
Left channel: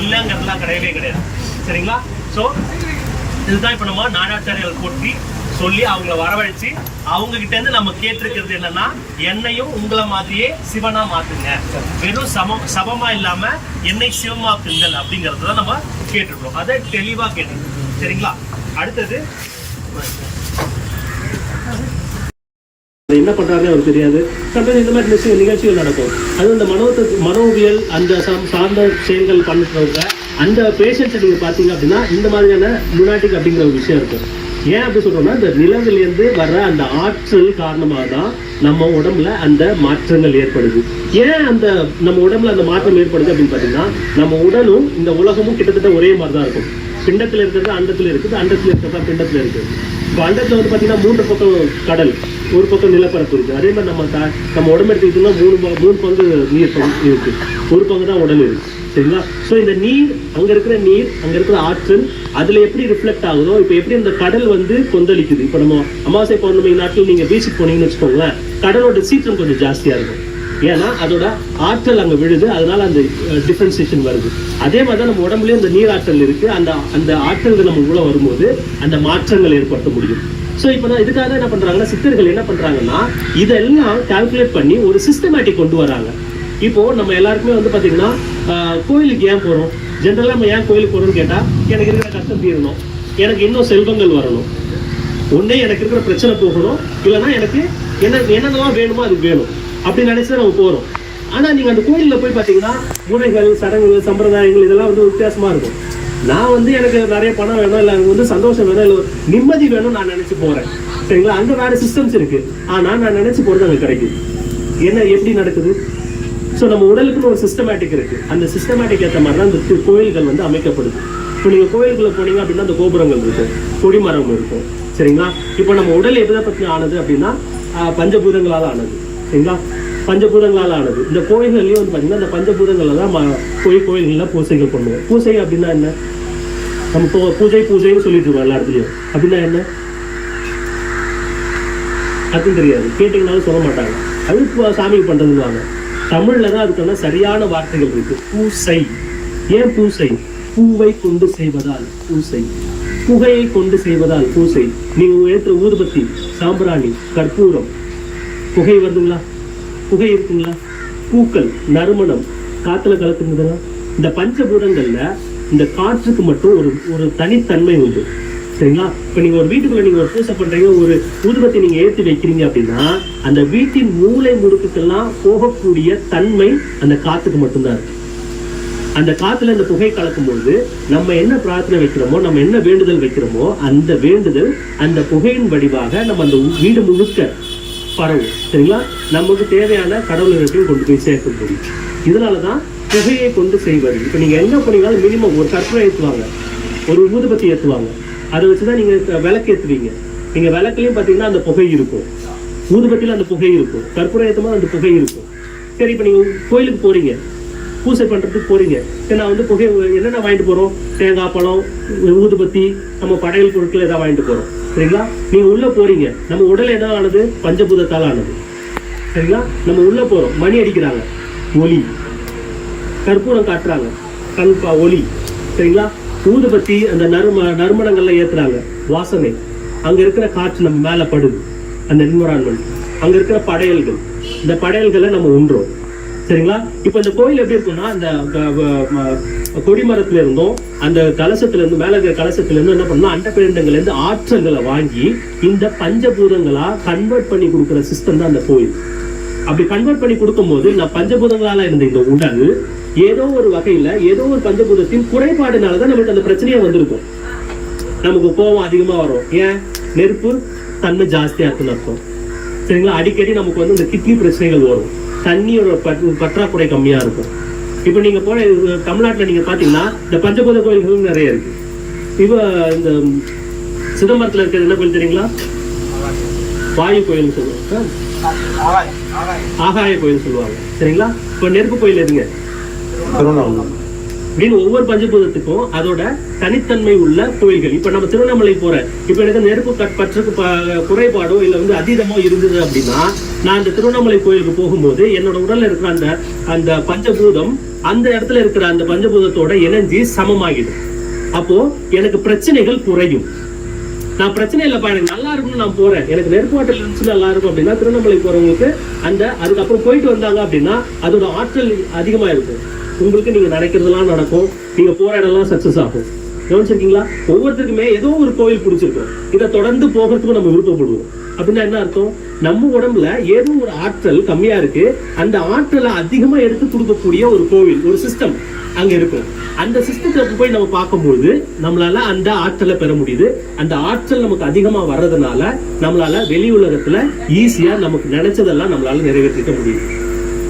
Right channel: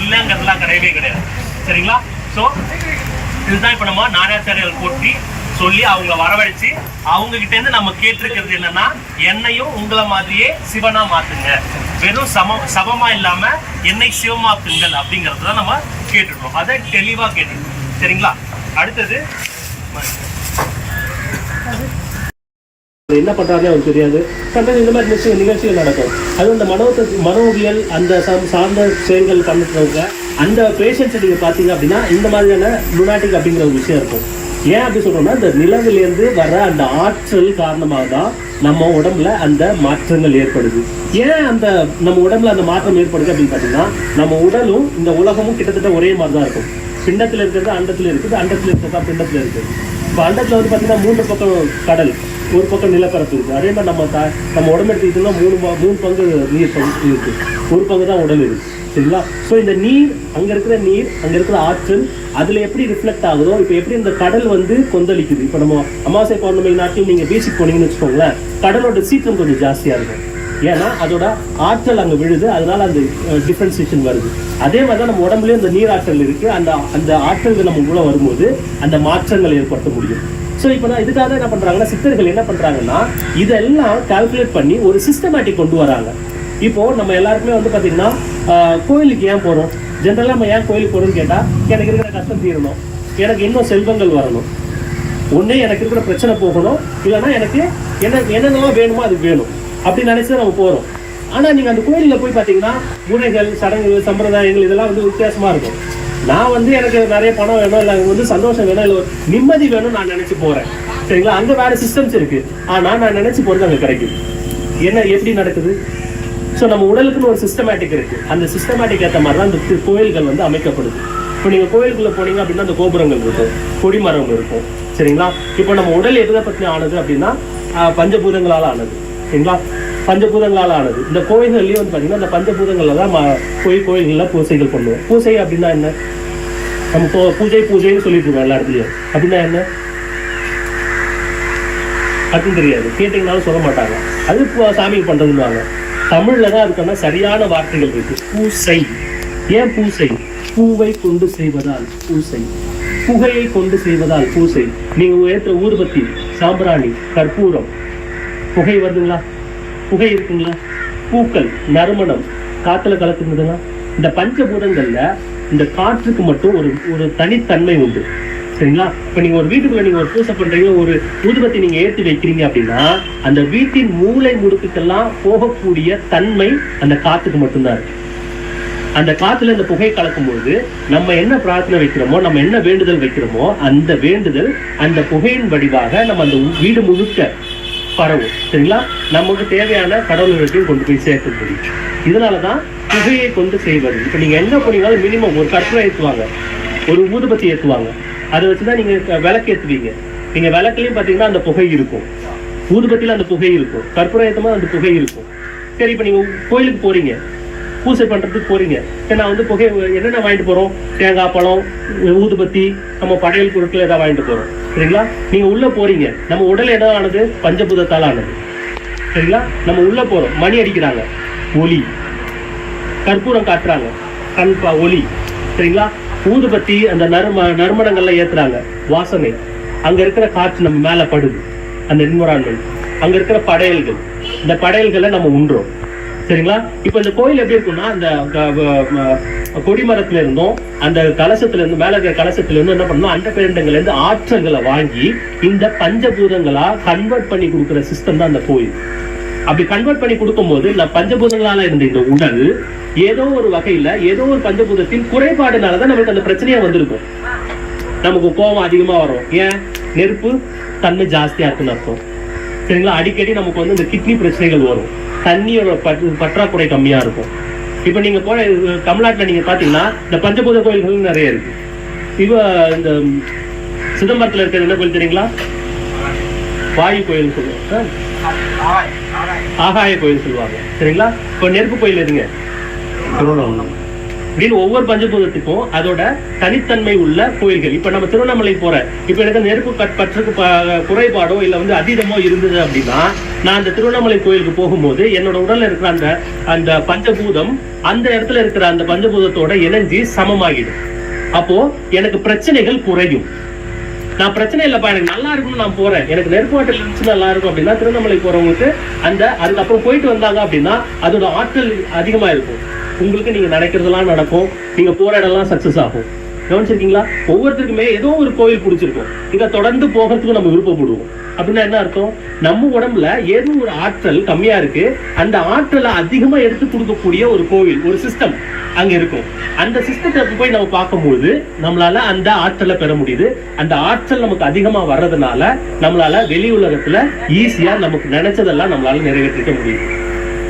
இல்லைங்கிறதுலாம் கிடையவே கிடையாது. சரிங்களா? ஸோ இதுதான் இப்போ நம்ம நாராச்சாரியர்கள் போட்டி சொல்லி அவங்கள வரவழைச்சு அவங்க கிட்ட இருந்து நம்ம கேட்டிருக்கிறது என்னன்னா, என்னையும் உங்களை மாதிரியே சிவனா மாத்துங்க, வெறும் சமமா இல்லாம என்னை சிவமாக்குங்கள் அப்படிங்கறது தான் நம்ம கேட்டுருக்கோம். அதை தெளிவா கேட்டுருக்கோம். சரிங்களா? அடுத்தது என்ன பண்றாருன்னு அவருக்கு தெரியாது. சம்டைம்ஸ் இந்த மாதிரி நிகழ்ச்சிகள் நடக்கும். அது அந்த மனோவியல் அந்த சார்ந்த செயல்கள் பண்ணுறவங்க அந்த பேஷண்ட்ஸை நீங்க பாத்தீங்க அப்படின்னா இந்த மாதிரியான லுனாட்டிக் அப்படிங்கிற ஒரு விஷயம் இருக்கும். ஏன் அப்படி சொல்றோம்னா, இந்த நிலவிலேருந்து வர அந்த ஆற்றல் காரணமாக தான் நம்ம உடம்புல அந்த மாற்றங்கள் ஏற்படுது. ஏன் அந்த நம்ம உடம்புல அந்த மாற்றம் ஏற்படுது அப்படின்னு பார்த்தீங்கன்னா, நம்ம உடலும் இந்த உலகமும் கிட்டத்தட்ட ஒரே மாதிரி தான் இருக்கும். பிண்டத்தில் இருக்கிறது அண்டத்தில் இருக்குது, அண்டத்தில் இருக்கிறது பிண்டத்தில் இருக்குது. இப்போ அண்டத்தில் வந்து பார்த்தீங்கன்னா 3 பக்கம் கடல், ஒரு பக்கம் நிலப்பரப்பு இருக்குது. அதே மாதிரி நம்ம உடம்பு எடுத்துக்கிட்டோம்னா 3 பங்கு நீர் இருக்கு, ஒரு பங்கு தான் உடல் இருக்கு. சரிங்களா? ஸோ இந்த நீர், அங்கே இருக்கிற நீர், அங்கே இருக்கிற ஆற்றல் அதில் எப்படி ரிஃப்ளெக்ட் ஆகுதோ, இப்போ எப்படி இந்த கடல் வந்து கொந்தளிக்குது. இப்போ நம்ம அமாவாசை பௌர்ணமி நாட்கள் நீங்கள் பீச்சுக்கு போனீங்கன்னு வச்சுக்கோங்களேன், கடலோட சீற்றம் கொஞ்சம் ஜாஸ்தியாக இருக்கும். ஏன்னா அதோட ஆற்றல் அங்கே விழுது, அதனால அந்த டிஃபரன்சியேஷன் வருது. அதே மாதிரி தான் நம்ம உடம்புலயும் அந்த நீர் ஆற்றல் இருக்கு. அந்த ஆற்றல்கள் நம்ம உள்ள வரும்போது அந்த மாற்றங்கள் ஏற்படுத்த முடியும். ஸோ இப்போ நான் இதுக்காக என்ன பண்றாங்கன்னா, சித்தர்கள் என்ன பண்றாங்கன்னா, இதெல்லாம் கால்குலேட் பண்ணி ஒரு சிஸ்டமேட்டிக் கொண்டு வராங்க. இப்போ நம்ம எல்லாருக்குமே வந்து பாத்தீங்கன்னா கோயிலுக்கு ஏன் போறோம்? ஜென்ரலா நம்ம ஏன் கோயிலுக்கு போறோம்னு கேட்டா, எனக்கு இருக்கிற கஷ்டம் தீரணும், எனக்கு இன்னும் செல்வங்கள் வரணும், ஒன்னே எனக்கு இருக்கிற பிரச்சனை போகணும், இல்லைன்னா எனக்கு என்னென்னலாம் வேணுமோ அது வேணும் அப்படின்னு நினைச்சு நம்ம போறோம். ஆனா நீங்க அந்த கோயிலில் போய் பாத்தீங்கன்னா முறைகள், சடங்குகள், சம்பிரதாயங்கள் இதெல்லாம் வந்து வித்தியாசமா இருக்கும். நான் வந்து எனக்கு நிறைய பணம் வேணும், இல்லை வந்து சந்தோஷம் வேணும், இல்லை நிம்மதி வேணும் நான் நினைச்சு போறேன். சரிங்களா? அந்த வேற சிஸ்டம்ஸ் இருக்கு. ஆனா நான் நினைச்சு போறது அங்க கிடைக்குது. என்ன எப்படி நடக்குது? ஸோ நம்ம உடலுக்குன்னு ஒரு சிஸ்டமேட்டிக் இருக்கு. அந்த சிஸ்டமேட்டிக் ஏற்ற மாதிரி தான் இந்த கோயில்கள் வந்து அமைக்கப்படுது. இப்போ நீங்க கோயிலுக்குள்ள போனீங்க அப்படின்னா அந்த கோபுரங்கள் இருக்கும், கொடிமரம் இருக்கும். சரிங்களா? இப்போ நம்ம உடல் எதை பற்றி ஆனது அப்படின்னா பஞ்சபூதங்களால் ஆனது. சரிங்களா? பஞ்சபூதங்களால் ஆனது. இந்த கோயில்கள்லயும் வந்து பார்த்தீங்கன்னா இந்த பஞ்சபூதங்கள்ல தான் கோயில்கள்லாம் பூசைகள் பண்ணுவோம். பூசை அப்படின்னா என்ன? நம்ம பூஜைன்னு சொல்லிட்டு இருக்கோம் எல்லா இடத்துலையும். அப்படின்னா என்ன அதுவும் தெரியாது, கேட்டீங்கன்னாலும் சொல்ல மாட்டாங்க. அது சாமிக்கு பண்றதுன்னு தமிழ்ல தான் அதுக்கான சரியான வார்த்தைகள் இருக்கு. பூசை. ஏன் பூசை? பூவை கொண்டு செய்வதால் பூசை, புகையை கொண்டு செய்வதால் பூசை. நீங்க ஏற்ற ஊதுபத்தி, சாம்பிராணி, கற்பூரம், புகை வருதுங்களா? புகை இருக்குங்களா? பூக்கள், நறுமணம், காத்துல கலக்குறதுங்களா? இந்த பஞ்சபூதங்கள்ல இந்த காற்றுக்கு மட்டும் ஒரு தனித்தன்மை உண்டு. சரிங்களா? இப்போ நீங்க ஒரு வீட்டுக்குள்ள நீங்க ஒரு பூசை பண்றீங்க, ஒரு ஊதுபத்தி நீங்க ஏற்றி வைக்கிறீங்க அப்படின்னா அந்த வீட்டின் மூளை முடுக்குக்கெல்லாம் போகக்கூடிய தன்மை அந்த காத்துக்கு மட்டும்தான் இருக்கு. அந்த காத்துல இந்த புகை கலக்கும்போது நம்ம என்ன பிரார்த்தனை வைக்கிறோமோ, நம்ம என்ன வேண்டுதல் வைக்கிறோமோ, அந்த வேண்டுதல் அந்த புகையின் வடிவாக நம்ம அந்த வீடு முழுக்க பரவும். சரிங்களா? நமக்கு தேவையான கடவுள்களையும் கொண்டு போய் சேர்க்க முடியும். இதனாலதான் புகையை கொண்டு செய்வது. இப்ப நீங்க என்ன பண்ணீங்கன்னாலும் மினிமம் ஒரு கற்பூரம் ஏற்றுவாங்க, ஒரு ஊதுபத்தி ஏற்றுவாங்க. அதை வச்சுதான் நீங்க விளக்கு ஏற்றுவீங்க. நீங்க விளக்குலயும் பாத்தீங்கன்னா அந்த புகை இருக்கும், ஊதுபத்தியில அந்த புகை இருக்கும், கற்பூரம் ஏற்றமா அந்த புகை இருக்கும். சரி, இப்ப நீங்க கோயிலுக்கு போறீங்க, பூசை பண்றதுக்கு போறீங்க. நான் வந்து புகை என்னென்ன வாங்கிட்டு போறோம்? தேங்காய் பழம், ஊதுபத்தி, நம்ம படையல் பொருட்கள் ஏதாவது வாங்கிட்டு போறோம். சரிங்களா? நீங்க உள்ள போறீங்க, நம்ம உடல் என்ன ஆனது? பஞ்சபூதத்தால் ஆனது. சரிங்களா? நம்ம உள்ள போறோம், மணி அடிக்கிறாங்க, ஒலி, கற்பூரம் காட்டுறாங்க, கண்பா ஒலி. சரிங்களா? ஊதுபத்தி அந்த நறுமணங்கள்ல ஏத்துறாங்க, வாசனை. அங்க இருக்கிற காற்று நம்ம மேல படுது, அந்த என்விரான்மெண்ட். அங்க இருக்கிற படையல்கள், இந்த படையல்களை நம்ம உண்றோம். சரிங்களா? இப்ப இந்த கோயில் எப்படி இருக்கும்னா, அந்த கொடிமரத்துல இருந்தும் அந்த கலசத்துல இருந்து மேல இருக்கிற கலசத்துல இருந்து என்ன பண்ணணும், அண்ட பேரண்டங்கள்ல இருந்து ஆற்றல்களை வாங்கி இந்த பஞ்சபூதங்களா கன்வெர்ட் பண்ணி கொடுக்குற சிஸ்டம் தான் அந்த கோயில். அப்படி கன்வெர்ட் பண்ணி கொடுக்கும்போது இந்த பஞ்சபூதங்களால இருந்த இந்த உடல் ஏதோ ஒரு வகையில ஏதோ ஒரு பஞ்சபூதத்தின் குறைபாடுனாலதான் நமக்கு அந்த பிரச்சனையா வந்திருக்கும். நமக்கு கோபம் அதிகமா வரும். ஏன்? நெருப்பு தன்மை ஜாஸ்தியா இருக்குன்னு அர்த்தம். சரிங்களா? அடிக்கடி நமக்கு வந்து இந்த கிட்னி பிரச்சனைகள் வரும். தண்ணியோட பற்றாக்குறை கம்மியா இருக்கும். இப்ப நீங்க போன தமிழ்நாட்டுல நீங்க பாத்தீங்கன்னா இந்த பஞ்சபூத கோயில்கள் நிறைய இருக்கு. இப்ப இந்த சிதம்பரத்துல இருக்கிற என்ன கோயில் தெரியுங்களா? வாயு கோயில் சொல்லுவாங்க, ஆகாய கோயில் சொல்லுவாங்க. சரிங்களா? இப்ப நெருப்பு கோயில் எதுங்க? அப்படின்னு ஒவ்வொரு பஞ்சபூதத்துக்கும் அதோட தனித்தன்மை உள்ள கோயில்கள். இப்ப நம்ம திருவண்ணாமலை போற, இப்ப எனக்கு நெருப்பு பற்றுக்கு குறைபாடோ இல்ல வந்து அதீதமோ இருந்தது அப்படின்னா, நான் அந்த திருவண்ணாமலை கோயிலுக்கு போகும்போது என்னோட உடல்ல இருக்கிற அந்த பஞ்சபூதம் அந்த இடத்துல இருக்கிற அந்த பஞ்சபூதத்தோட இணைஞ்சி சமமாகிடும். அப்போ எனக்கு பிரச்சனைகள் குறையும். நான் பிரச்சனை இல்லப்பா, எனக்கு நல்லா இருக்கும்னு நான் போறேன், எனக்கு நெருப்பு ஆற்றல் இருந்துச்சு நல்லா இருக்கும் அப்படின்னா, திருவண்ணாமலை போறவங்களுக்கு அதுக்கப்புறம் போயிட்டு வந்தாங்க அப்படின்னா அதோட ஆற்றல் அதிகமா இருக்கும். உங்களுக்கு நீங்க நினைக்கிறதெல்லாம் நடக்கும், நீங்க போற இடம்லாம் சக்சஸ் ஆகும். கவனிச்சிருக்கீங்களா? ஒவ்வொருத்தருக்குமே ஏதோ ஒரு கோவில் பிடிச்சிருக்கும், இதை தொடர்ந்து போகிறதுக்கு நம்ம விருப்பப்படுவோம். அப்படின்னா என்ன அர்த்தம்? நம்ம உடம்புல ஏதோ ஒரு ஆற்றல் கம்மியா இருக்கு, அந்த ஆற்றலை அதிகமா எடுத்து கொடுக்கக்கூடிய ஒரு கோவில், ஒரு சிஸ்டம் அங்க இருக்கும். அந்த சிஸ்டத்தை போய் நம்ம பார்க்கும்போது நம்மளால அந்த ஆற்றலை பெற முடியுது. அந்த ஆற்றல் நமக்கு அதிகமா வர்றதுனால நம்மளால வெளி உலகத்துல ஈஸியா நமக்கு நினைச்சதெல்லாம் நம்மளால நிறைவேற்றிக்க முடியுது.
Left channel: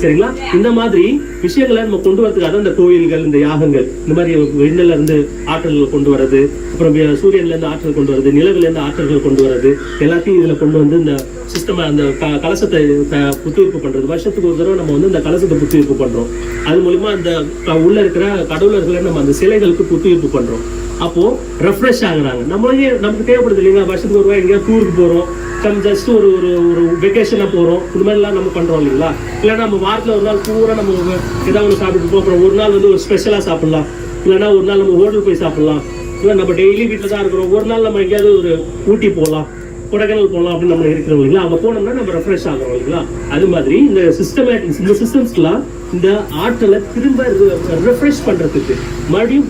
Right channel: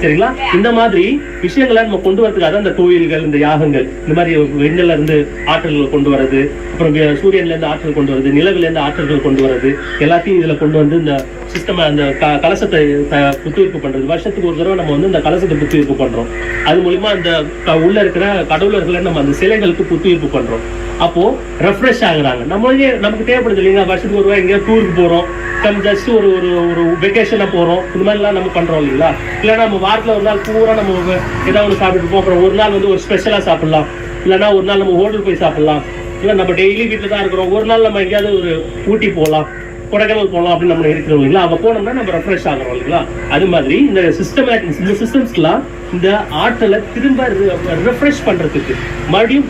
சரிங்களா? இந்த மாதிரி விஷயங்களை நம்ம கொண்டு வரதுக்காக இந்த கோயில்கள், இந்த யாகங்கள், இந்த மாதிரி விண்ணில இருந்து ஆற்றல்கள் கொண்டு வர்றது, அப்புறம் சூரியன்ல இருந்து ஆற்றல் கொண்டு வருது, நிலவில இருந்து ஆற்றல்கள் கொண்டு வர்றது, எல்லாத்தையும் இதுல கொண்டு வந்து இந்த சிஸ்டம் அந்த கலசத்தை புத்துயிர்ப்பு பண்றது. வருஷத்துக்கு ஒரு தடவை நம்ம வந்து இந்த கலசத்தை புத்துயிர்ப்பு பண்றோம். அது மூலியமா இந்த உள்ள இருக்கிற கடவுளர்களை நம்ம அந்த சிலைகளுக்கு புத்துயிர்ப்பு பண்றோம். அப்போ ரெஃப்ரெஷ் ஆகுறாங்க. நமக்கு தேவைப்படுது இல்லைங்களா? வருஷத்துக்கு ஒரு ரூபாய் எங்கேயோ டூருக்கு போறோம், நம்ம ஜஸ்ட் ஒரு ஒரு வெக்கேஷன்ல போறோம், இந்த மாதிரிலாம் நம்ம பண்றோம் இல்லைங்களா? இல்லைன்னா நம்ம வாரத்தில் ஒரு நாள் பூரா நம்ம ஏதாவது ஒன்று சாப்பிட்டு போகிறோம், அப்புறம் ஒரு நாள் வந்து ஒரு ஸ்பெஷலாக சாப்பிடலாம், இல்லைன்னா ஒரு நாள் நம்ம ஹோட்டல் போய் சாப்பிடலாம், இல்லை நம்ம டெய்லி வீட்டில் தான் இருக்கிறோம், ஒரு நாள் நம்ம எங்கேயாவது ஒரு ஊட்டி போகலாம், கொடைக்கானல் போகலாம் அப்படின்னு நம்ம இருக்கிறோம் இல்லைங்களா? அங்கே போனோம்னா நம்ம ரெஃப்ரெஷ் ஆகிறோம் இல்லைங்களா? அது மாதிரி இந்த சிஸ்டம்ஸ்லாம் இந்த ஆற்றலை திரும்ப ரெஃப்ரெஷ் பண்றதுக்கு, மறுபடியும்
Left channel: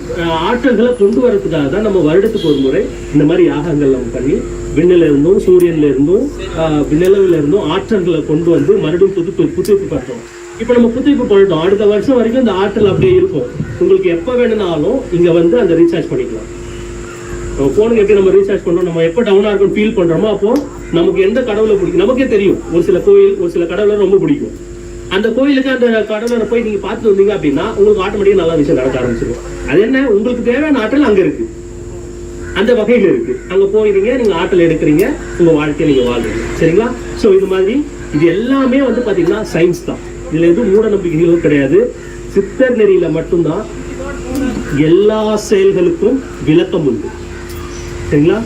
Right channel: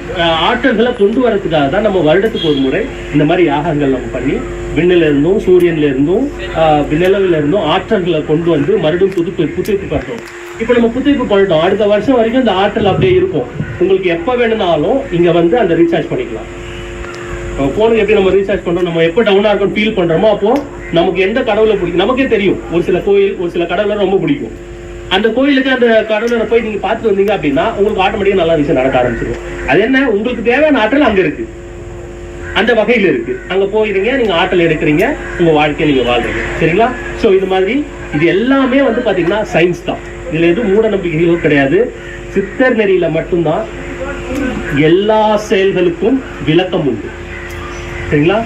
ஆற்றல்களை கொண்டு வரதுக்காக தான் நம்ம வருடத்துக்கு ஒரு முறை இந்த மாதிரி யாகங்கள் நம்ம பண்ணி விண்ணில இருந்தும் சூரியன்ல இருந்தும் நிலவில இருந்தும் ஆற்றல்களை கொண்டு வந்து மறுபடியும் புதுப்பிப்பு பண்றோம். இப்ப நம்ம புதுப்பிப்பு பண்ணிட்டோம், அடுத்த வருஷம் வரைக்கும் இந்த ஆற்றல் அப்படியே இருக்கும். உங்களுக்கு எப்ப வேணும்னாலும் இங்க வந்து அந்த ரீசார்ஜ் பண்ணிக்கலாம். போனுக்கு எப்படி நம்ம ரீசார்ஜ் பண்றோம், நம்ம எப்போ டவுனா இருக்கும் ஃபீல் பண்றோமோ அப்போ நமக்கு எந்த கடவுளை பிடிக்கும் நமக்கே தெரியும். ஒரு சில கோயில், ஒரு சில கடவுளை ரொம்ப பிடிக்கும். அந்த கோயிலுக்கு அந்த கடவுளை போய் நீங்க பார்த்துட்டு வந்தீங்க அப்படின்னா உங்களுக்கு ஆட்டோமேட்டிக்கா நல்ல விஷயம் நடக்க ஆரம்பிச்சிடும். அது என்ன, உங்களுக்கு தேவையான ஆற்றல் அங்க இருக்கு, அந்த வகையில் இருக்கு. அங்க போயிருங்க, நீங்க ஆற்றல் எடுக்கிறீங்க, உங்க வாழ்க்கையை நீங்க வாழ்றீங்க. சரிங்களா? சோ இது மாதிரி இது எல்லாமே வந்து பாத்தீங்கன்னா சயின்ஸ் தான். இதுல எதுவும் மூட நம்பிக்கைகளும் கிடையாது. சித்தர் நெறியில மட்டும்தான் எல்லா செயல்களுக்கும் விளக்கம் உண்டு. சரிங்களா?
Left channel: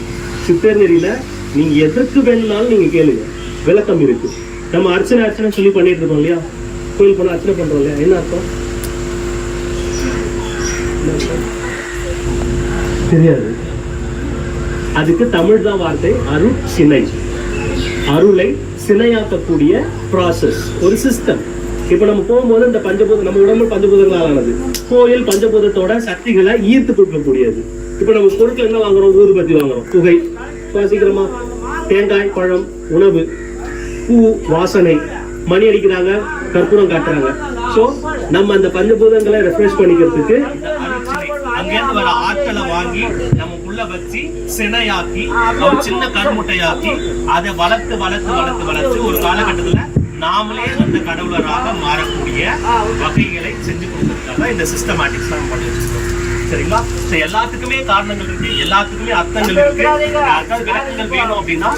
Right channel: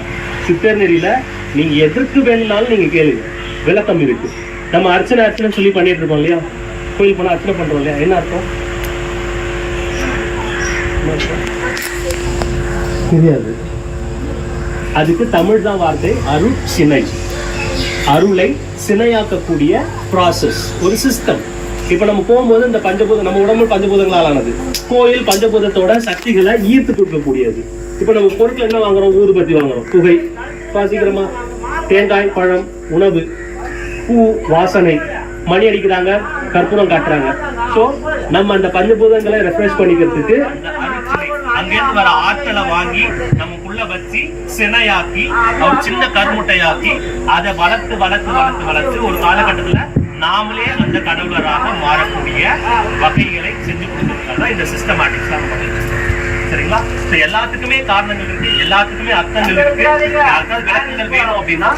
சித்தர் நெறியில நீங்க எதற்கு வேணும்னாலும் நீங்க கேளுங்க, விளக்கம் இருக்கு. நம்ம அர்ச்சனை சொல்லி பண்ணிட்டு இருக்கோம் இல்லையா? கோயில் போனா அர்ச்சனை பண்றோம் இல்லையா? என்ன அர்த்தம் தெரியாது. அதுக்கு தமிழ் தான் வார்த்தை அருள் சினை. அருளை சினையாக்கக்கூடிய ப்ராசஸ், ஒரு சிஸ்டம். இப்ப நம்ம போகும்போது இந்த பஞ்சபூதம், நம்ம உடம்பு பஞ்சபூதங்களால் ஆனது. கோயில் பஞ்சபூதத்தோட சக்திகளை ஈர்த்து கொடுக்கக்கூடியது. இப்ப நம்ம பொருட்கள் என்ன வாங்குறோம்? ஊதுபத்தி வாங்குறோம், புகை, சீக்கிரமா தேங்காய், பழம், உணவு, பூ, வாசனை, மணி அடிக்கிறாங்க, கற்பூரம் காட்டுறாங்க. சோ நம்ம அந்த பஞ்சபூதங்களை ரெஃப்ரெஷ் பண்ணிக்கிறதுக்கு அங்கிருந்து வர ஆற்றலை வாங்கி நமக்குள்ள வச்சு சினையாக்கி ஒரு சின்ன கருமுட்டையாக்கி அதை வளர்த்து வளர்த்து வளர்த்து வளர்த்து ஒரு காலகட்டத்துல நாமளே அந்த கடவுளராக மாறக்கூடிய வகைகளை செஞ்சு கொடுத்துருக்காங்க. இந்த சிஸ்டமேட்டிக்ஸ் தான் பண்ணிட்டு இருக்கோம். சரிங்களா? எல்லாத்துக்குமே காரணங்கள் இருக்கு, எல்லாத்துக்குமே அர்த்தங்கள் இருக்கு. யாருக்காவது விளக்கங்கள் வேணும் அப்படின்னா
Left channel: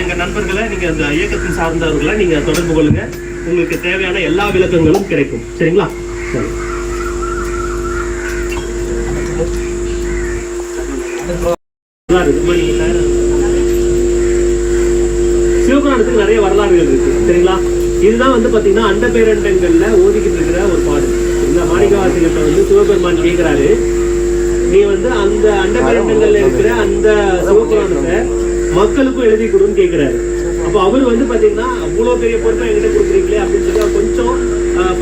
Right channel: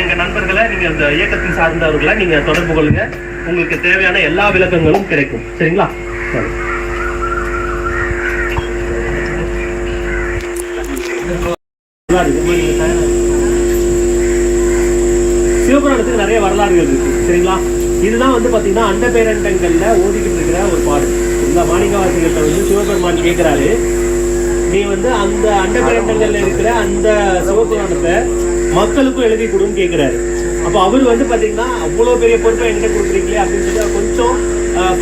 எங்க நண்பர்களை, நீங்க இந்த இயக்கத்தின் சார்ந்தவர்களை நீங்க தொடர்பு கொள்ளுங்க, உங்களுக்கு தேவையான எல்லா விளக்கங்களும் கிடைக்கும். சரிங்களா? சரி. சிவபுராணத்துக்கு நிறைய வரலாறுகள் இருக்கு. சரிங்களா? இதுதான் வந்து பாத்தீங்கன்னா அண்ட பேரண்டங்கள்ல ஓதிக்கிட்டு இருக்கிற ஒரு பாடல். இந்த மாணிக்கவாசிகிட்ட வந்து சிவபெருமான் கேட்கிறாரு, நீ வந்து அந்த அண்ட பேரண்டங்கள்ல இருக்கிற அந்த சிவபுராணத்தை மக்களுக்கும் எழுதி கொடுன்னு கேட்கிறாரு. அப்போ அவர் வந்து பாத்தீங்கன்னா அவ்வளவு பெரிய பொறுப்பை என்கிட்ட கொடுக்குறீங்களே அப்படின்னு சொல்லி அவர் கொஞ்சம்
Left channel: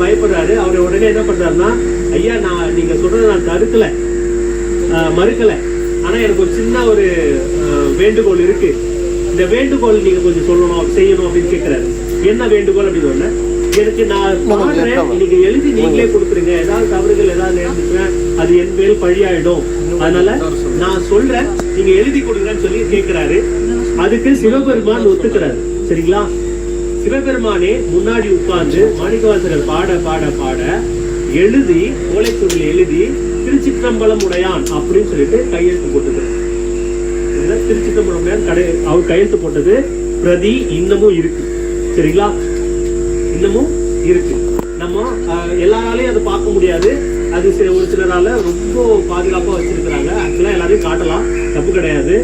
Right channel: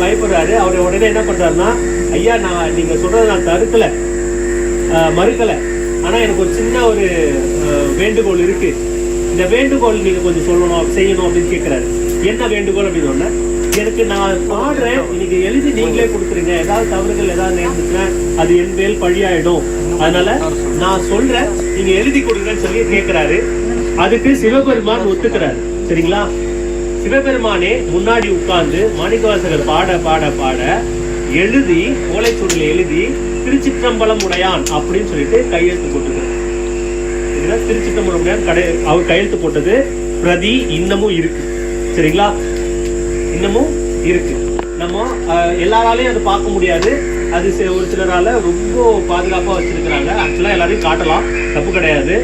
பயப்படுறாரு. அவர் உடனே என்ன பண்றாருன்னா, ஐயா நான் நீங்க சொல்றதை நான் தடுக்கல, மறுக்கல, ஆனா எனக்கு ஒரு சின்ன ஒரு வேண்டுகோள் இருக்கு. இந்த வேண்டுகோள் நீங்க கொஞ்சம் சொல்லணும், செய்யணும் அப்படின்னு கேட்கிறாரு. என்ன வேண்டுகோள் அப்படின்னு ஒண்ணு, எனக்கு நான் பாடுறேன், இன்னைக்கு எழுதி நீங்களே கொடுக்குறீங்க, ஏதாவது தவறுகள் ஏதாவது நேர்ந்துச்சுன்னா அது என் மேல் பழியாயிடும், அதனால நான் சொல்றேன் நீங்க எழுதி கொடுக்குறேன்னு சொல்லி கேட்கிறாரு. அதுக்கு சிவபெருமான் ஒத்துக்கிறாரு. சரிங்களா? சிவபெருமானே முன்னாடி உட்கார்ந்து மாணிக்கவாசகர் பாட பாட பாட எழுதி ஓலைச்சுவடியில் எழுதி திருச்சிற்றம்பலம் உடையான் அப்படின்னு சொல்லிட்டு கையெழுத்து போட்டுக்கிறார். திருச்சிற்றம்பலம் உடையான் அவர் கையெழுத்து போட்டது பிரதி இன்னமும் இருக்கு. சரிங்களா? இன்னமும் இருக்கு. நம்ம எல்லாராலையும் அது பார்க்க முடியாது. அது ஒரு சிலரால ரொம்ப பாதுகாப்பா வச்சிருக்கிறாங்க. ஆக்சுவலா எல்லாரையும் காட்டலாம், தப்பு கிடையாது.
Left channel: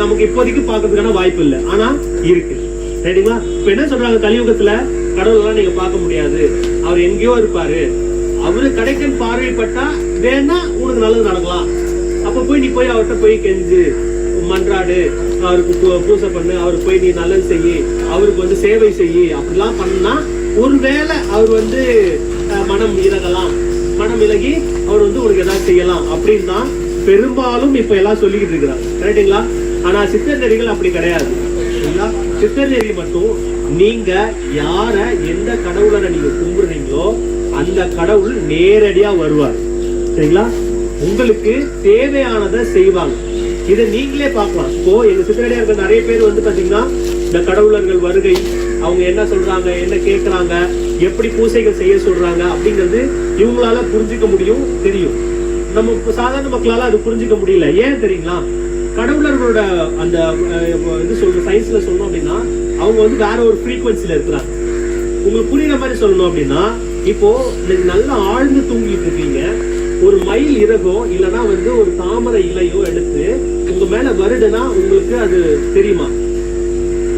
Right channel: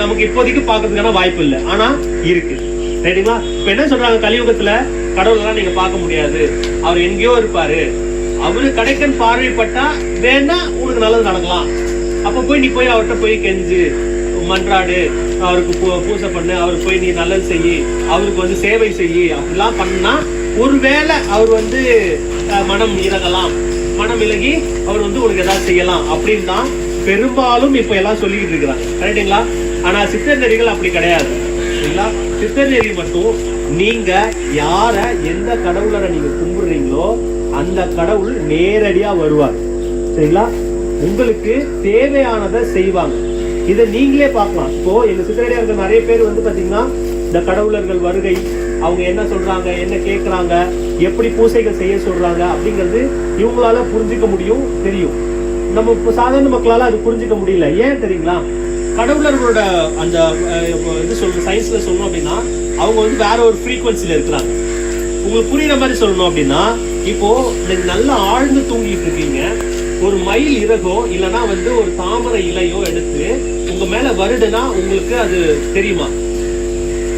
நமக்கு இப்போதைக்கு பார்க்கறதுக்கான வாய்ப்பு இல்லை, ஆனா இருக்கு. ரைட்டுங்களா? இப்ப என்ன சொல்றாங்க, கலியுகத்துல கடவுள்லாம் நீங்க பார்க்க முடியாது, அவர் எங்கேயோ இருப்பாரு, அவரு கடைக்கன் பார்வைப்பட்டா வேணா உங்களுக்கு நல்லது நடக்கலாம். அப்ப போய் நீ போய் அவர்கிட்ட போய் கெஞ்சு மன்றாடு, அவருக்கு பூசை பண்ணு, அவருக்கு போய் நீ நல்லது செய்யி, அவருக்கு வந்து சேவை செய்யி, அப்படிலாம் பண்ணா ஒருவேளை அவர் வந்து மனம் இறகலாம், மனம் இலகி அவர் வந்து உனக்கு ஏதாவது செய்யலாம் அப்படின்னு தான் பெரும்பாலும் இப்ப எல்லாம் சொல்லிக்கிட்டு இருக்கிறாங்க. கரெக்டுங்களா? ஆனா சித்தர் நெறிகள் அப்படி கிடையாது. சரிங்களா? சித்தர் நெறி மட்டும் நீங்க யார எந்த கடவுளரை நீங்க கும்பிடுறீங்களோ அந்த கடவுள் நேரடியா வருவார். சரிங்களா? உங்களுக்கு தேவையானதை செய்வாங்க. இதை நீங்களே பார்க்கலாம். இப்போ எங்க சித்தரடியார்கள் நிறைய பேர் வந்து பாத்தீங்கன்னா இந்த கடவுளர்கள் வருகை, அவங்க என்ன சொல்றாங்க, என்ன கேட்கறாங்க, எப்படி பூசைகள் செய்ய சொல்றாங்க அப்படிங்கிறது இவங்களால புரிஞ்சுக்க முடியும், தெரியும். நம்ம சாதாரண மக்களால அது புரிஞ்சுக்க முடியல. ஏன் தெரியுங்களா? கடவுளர்களோட அந்த இது சொல்லணும், சயின்ஸ்ல சொல்லணும் அப்படின்னா அவங்க வந்து வேற ஒரு ஃப்ரீக்வன்சில இருக்கிறாங்க. உங்களுக்கு புரியுற மாதிரி சொல்லணும் அப்படின்னா, இப்போ நீங்க நல்லா ஆழ்ந்து தூங்கிட்டு இருக்கீங்க, ஒரு மயில் இறகோ இல்லைன்னா வந்து ஒரு தாமரை இலையோ எடுத்து உங்க மேல வருடுனா உங்களுக்கு அது தெரியுமா?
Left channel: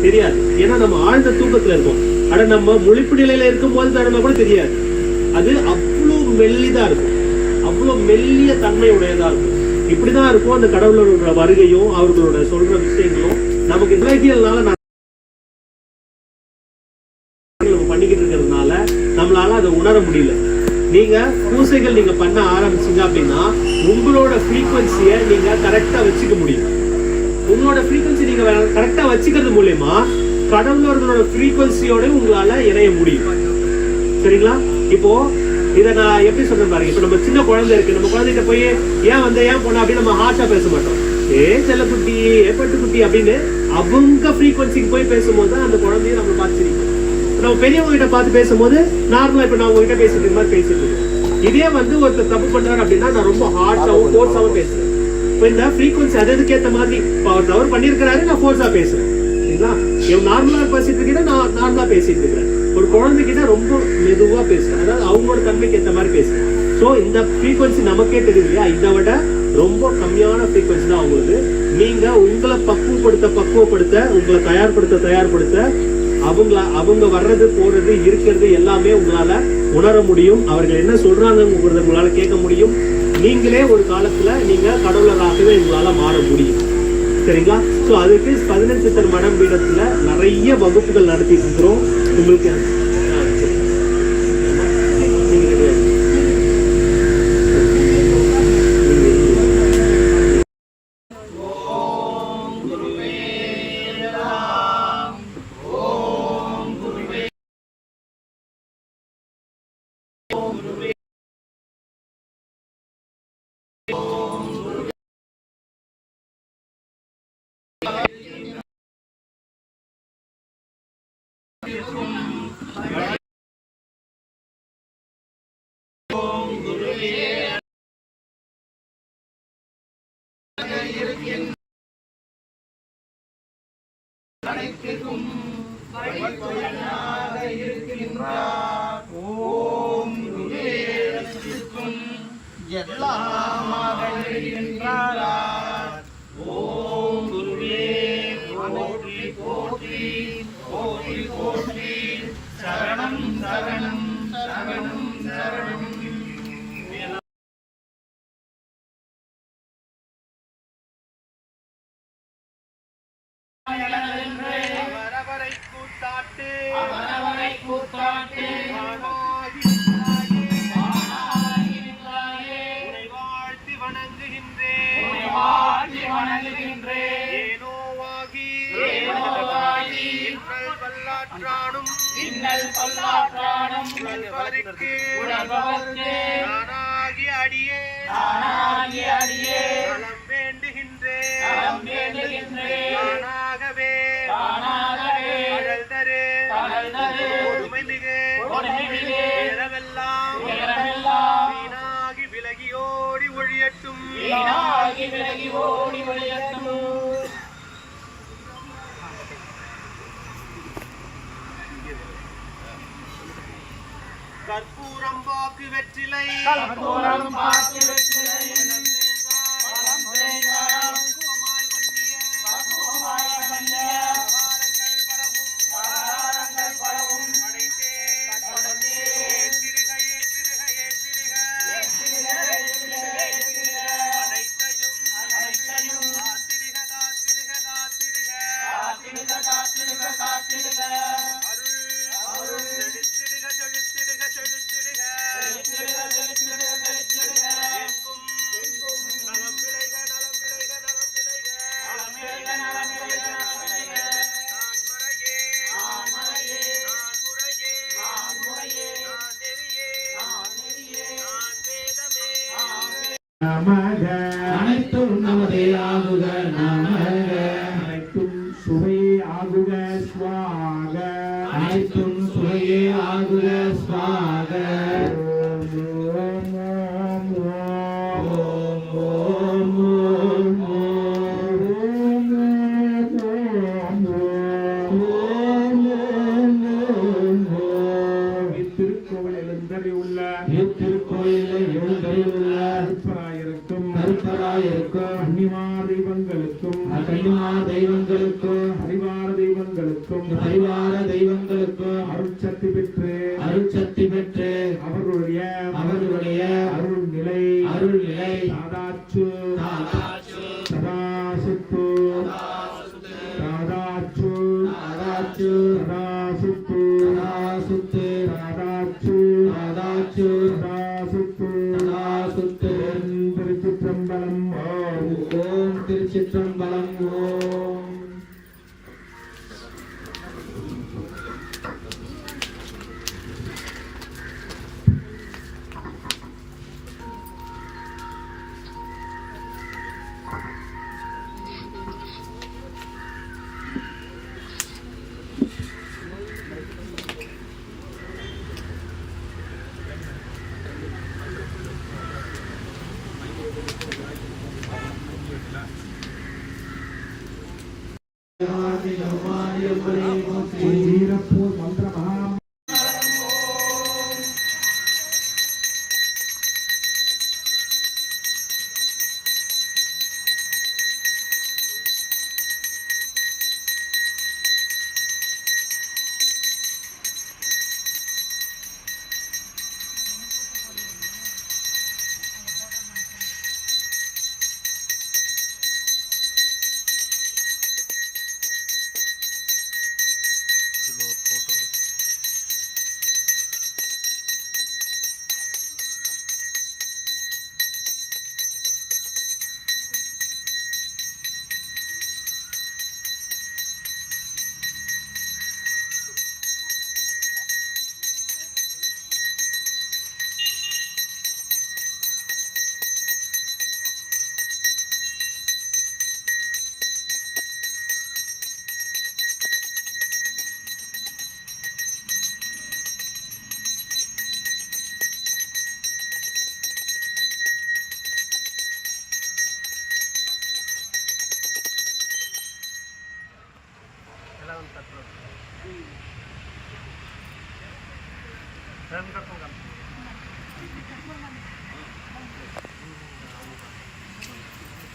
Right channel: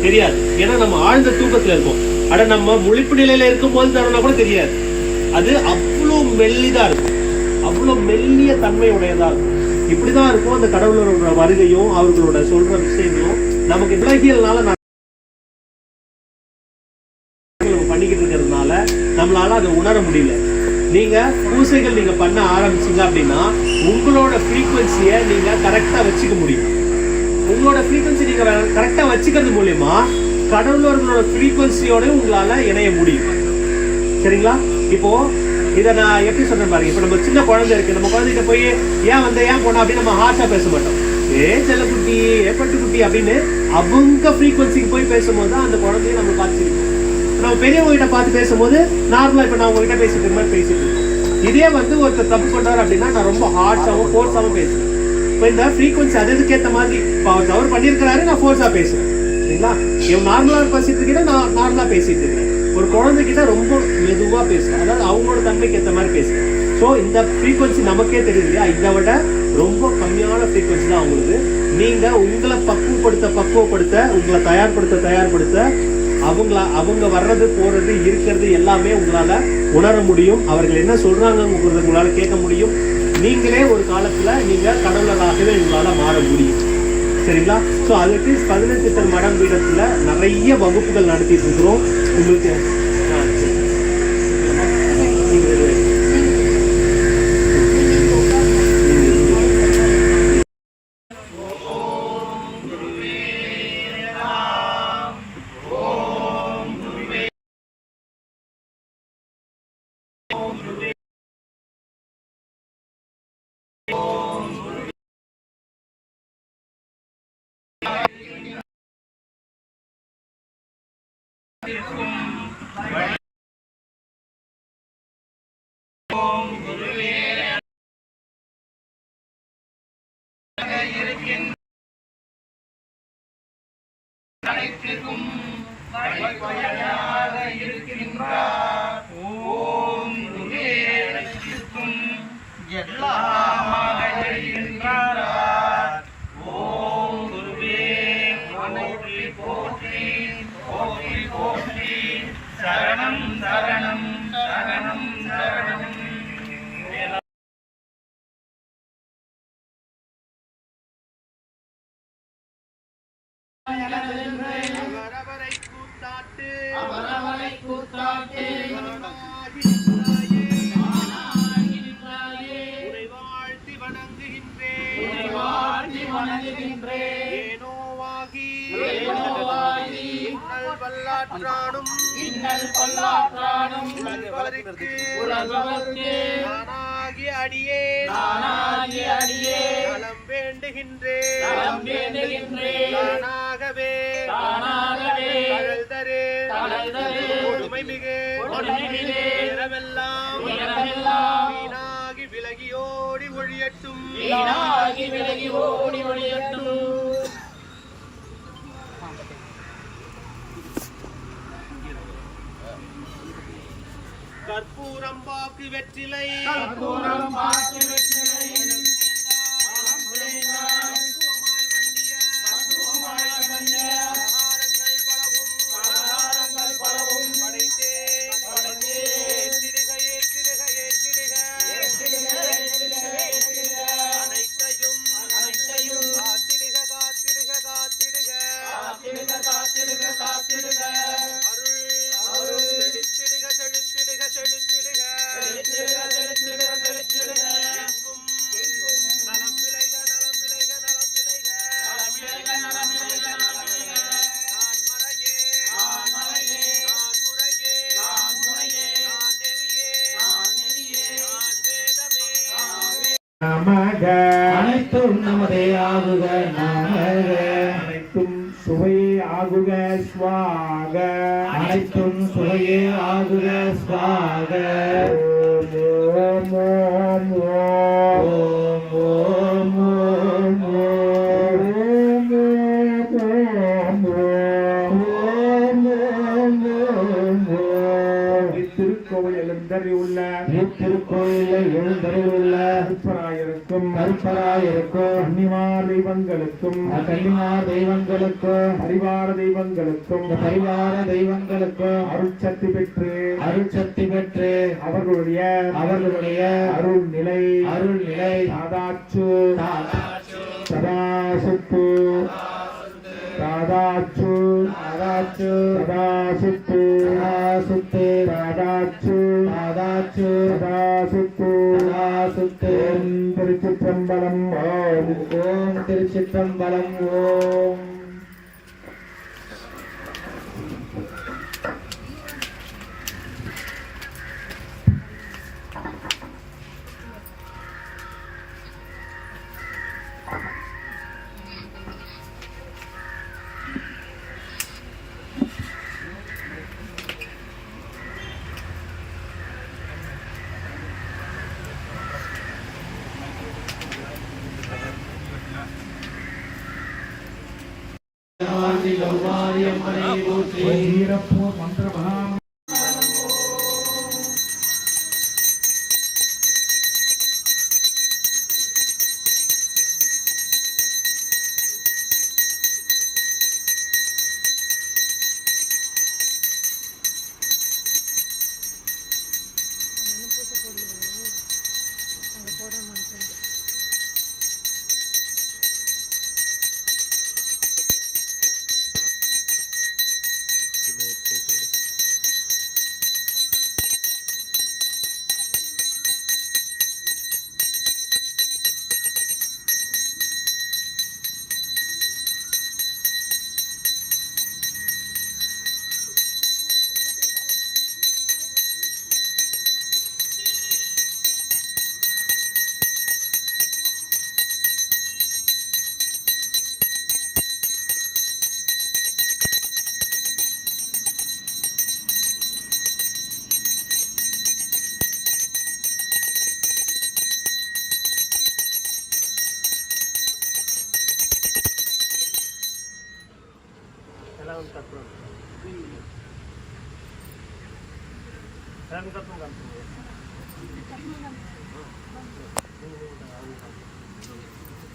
தெரியாது. ஏன்னா நம்ம ஆழ்ந்த தூக்கத்துல இருக்கோம். ஆனா நம்ம முழிப்பு நிலையில இருக்கும் போது தரணும் கூட தெரியாது. அது அவ்வளவு மெல்லிதா இருக்கும், அவ்வளவு மெல்லிய தன்மை உடையதா இருக்கும். இப்படிதான் இருக்கும் அந்த கடவுளரோட வருகையும் அவர்களோட சொல்ற விஷயங்களும் நமக்கு விலகியல்னால பண்ணிக்கிட்டு இருக்கிறதுனால நம்மளால அதை உணர முடியல. நீங்க பூசைகள் நீங்க பண்ண ஆரம்பிச்சீங்க அப்படின்னா உங்களோட ஃப்ரீக்வன்சியை நீங்க கரெக்டா வச்சுக்க முடியும். உங்களோட ஃப்ரீக்வன்சி நீங்க கரெக்டா வச்சுக்கிறது மூலியமா கடவுளர்களோட ஃப்ரீக்வன்சியோட உங்களால இணைய முடியும். சரிங்களா? இப்போ இதை நான் எப்படி சொல்றேன் பாருங்க. இப்ப நம்ம சின்ன குழந்தை இருக்கு, நம்ம குழந்தைகிட்ட போய் ஏன் வந்த ஏன் போனா அப்படின்னு நம்ம ஹார்ஷா பேச மாட்டோம். செல்லக்குட்டி, பட்டுக்குட்டி அப்படின்னு அவங்க ஃப்ரீக்வன்சிக்கு போய் பேசும்போது தான் அந்த குழந்தைய நம்ம பார்த்துருக்கோம். நம்ம பெரியவங்க கிட்ட பார்த்து பேசும்போது நார்மலா இப்ப நான் உங்ககிட்ட பேசிட்டு இருக்க மாதிரி பேசிட்டு இருக்கோம். இதே வந்து ஒருத்தர் தப்பு பண்றாரு அப்படின்னா நான் ரொம்ப ஹார்ஷாவும் ஃபோர்ஸாவும் பேசுறேன். இப்போ இந்த ஃப்ரீக்வன்சி அதுக்கேற்ற மாதிரி அவர் தவறு பண்ணியிருக்கிறாரு, நான் ஃபோர்ஸா பேசுறேன். சரிங்களா? இவன் நார்மலா பேசிட்டு இருக்கீங்கன்னா நான் நார்மலா பேசிட்டு இருக்கிறேன். ஒரு குழந்தைகிட்ட ரொம்ப மெதுவா பேசுறேன், அதாவது அவங்களோட தன்மைக்கு ஏற்ற மாதிரி பேசுறேன். ஸோ இந்த ஃப்ரீக்வன்சி நமக்கே தெரியும் இல்லையா? இதை விட ரொம்ப கம்மியான ஃப்ரீக்வன்சி தான் அவங்களுக்கு. நீங்க உங்களை பக்குவப்படுத்த உங்களை தயார்படுத்த அவங்க வர்றது போறது இருக்கிறது எல்லாமே உங்களால உணர முடியும். அவர்கள் என்ன சொல்றாங்க உங்களால கேட்க முடியும். நீங்களே ஒரு காலத்துல நீங்க கடவுளராகவே உங்களால மாற முடியும். சரிங்களா? ஸோ அதுக்கு 15 சித்தர் மடம் பீடத்துல நிறைய வகுப்புகள் நடத்திட்டு இருக்கிறோம். உங்களுக்கு சரணம் நானாகி அடியே நலம் வேண்டுகின்றேன் தானாகவே தகழ் தரு கொடுமை மிகு உயரமெல்லாம் வீணாகி விலகி ஓடி ஒழியட்டும் கற்பூரம் பாக்கு வெற்றிலை அனைத்தும் நமதே ஆகுக நமக அனைத்தும் சுவையே ஆகுக ஸ்வாக அனைத்தும் சுவையே ஆகுக ஸ்வாக ஓம் ஓம் ஓம் ஓம் திருக்கோயிலில் எழுந்தருளுள்ள கருப்பராயிருக்கும் கன்னிமார் தெய்வங்களுக்கும் பரிவார தெய்வங்களுக்கும் அருட்சக்தி பெற்று அவர்களுடைய அருள் நிலை தாதாச்சு சதாசுத்து திருச்சிற்றம்பலம் ஓம் திருச்சிற்றம்பலம் ஓம்.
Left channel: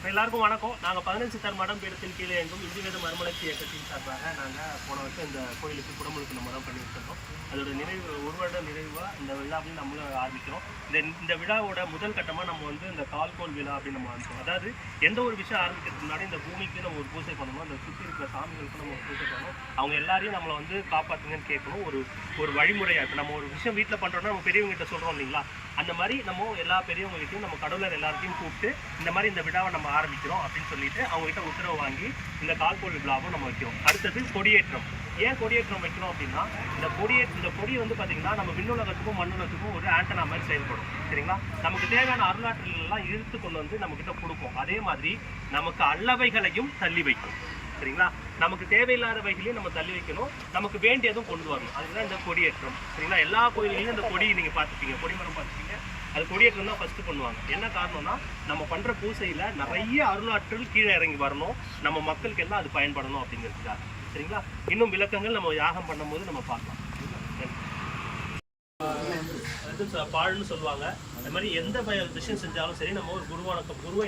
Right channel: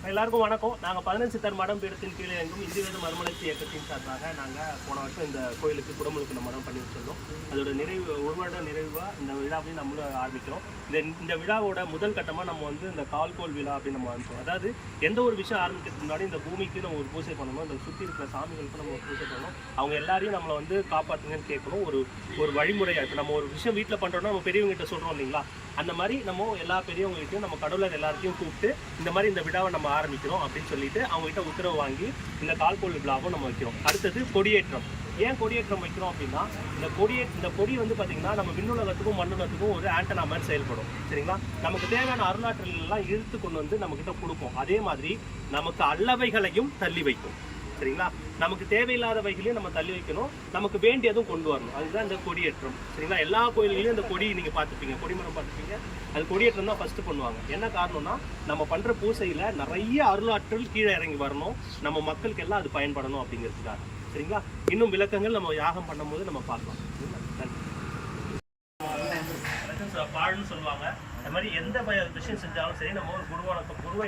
எல்லாருக்கும் வணக்கம். நாங்கள் 15 சித்தர் மடம் பீடத்தின் கீழே எங்கும் இந்து வேத மறுமலர்ச்சி இயக்கத்தின் சார்பாக நாங்கள் போன வருஷம் இந்த கோயிலுக்கு குடமுழுக்கு மடம் பண்ணி வச்சிருந்தோம். அதோட ஒரு வருட நிறைவாக இந்த விழாவையும் நம்மளும் ஆரம்பிக்கிறோம். இந்த விழாவோட முதல் கட்டமாக நம்ம வந்து இந்த கால்கோல் விழா அப்படின்னு நம்ம ஆரம்பிச்சோம். அதாவது எந்த ஒரு விஷயம் ஆரம்பிக்கிறதுக்கு முன்னாடி இந்த பூமிக்கு நம்ம ஒரு பூஜை பண்ணணும், அந்த சுற்றி இருக்கிற சாமிகளுக்கு நம்ம ஒரு பூஜை பண்ணணும், அவங்க எல்லாரையும் நம்மளை வந்து காப்பாற்றுங்கன்னு கேட்கணும். ஒரு வழிமுறையாக இருக்குது. நம்ம ஒரு விஷயம் வீட்டில் பண்ணுறோன்னா நம்ம பெரியவங்ககிட்ட சொல்கிறோம் இல்லைங்களா, அந்த மாதிரி நம்ம எல்லா பெரியவங்ககிட்டையும் நம்ம கடவுளர் எல்லாத்தையும் கூப்பிட்டு இந்த மாதிரி இந்த விழாவை நம்ம ஆரம்பிக்கிறோம் அப்படின்னு சொல்லிட்டு அவங்ககிட்ட உத்தரவு வாங்கி இந்த கால்கோல் விழாவும் நம்ம வைக்கிறோம். அடுத்தது கொடியேற்றம். ஏன் கொடியேற்றம் வைக்கிறோம் அப்படின்னா இந்த கொடி வந்து பார்த்தீங்கன்னா நம்ம விண்ணுலகத்துக்கும் மண்ணுலகத்துக்கும் ஒரு ஆண்டனா மாதிரி செயல்படும். சரிங்களா? நமக்கு தேவையான அருளாற்றல்கள் எல்லாம் இழுத்து கொண்டு வந்து நம்ம கிட்ட கொடுக்கும். அதே மாதிரி நமக்கு அல்லவைகளையும் தள்ளி வைக்கும். சரிங்களா? நமக்கு தேவையில்லாதவைகளையும் நம்ம தள்ளி வைக்கணும், நமக்கு வேண்டியதும் கொண்டு வரணும். அதுதான் இந்த கொடியேற்றம். சரிங்களா? எல்லா கோயில்களையும் இந்த கொடி நீங்க பார்த்துப்பீங்க, கொடிமரம் பார்த்துப்பீங்க. அது கொடியேற்றம் தான் ஃபர்ஸ்ட் பண்ணுவாங்க. என்ன காரணம்னா நம்ம பண்ற பூசையில நிறைய அருளாற்றல் கீழே இறங்கி வரணும், நம்ம மக்களுக்கு எல்லாம் அது பயன்படணும் அப்படிங்கிறதுக்காக. சரிங்களா? இன்னும் விளக்கங்கள் நம்ம யாகம் பண்ணும்போது நம்ம பார்க்கலாம். பாழ்னு சொல்லுவாங்க. அது மாதிரி எந்த விஷயம் செஞ்சாலும் சரி, நம்ம ஒரு குருவை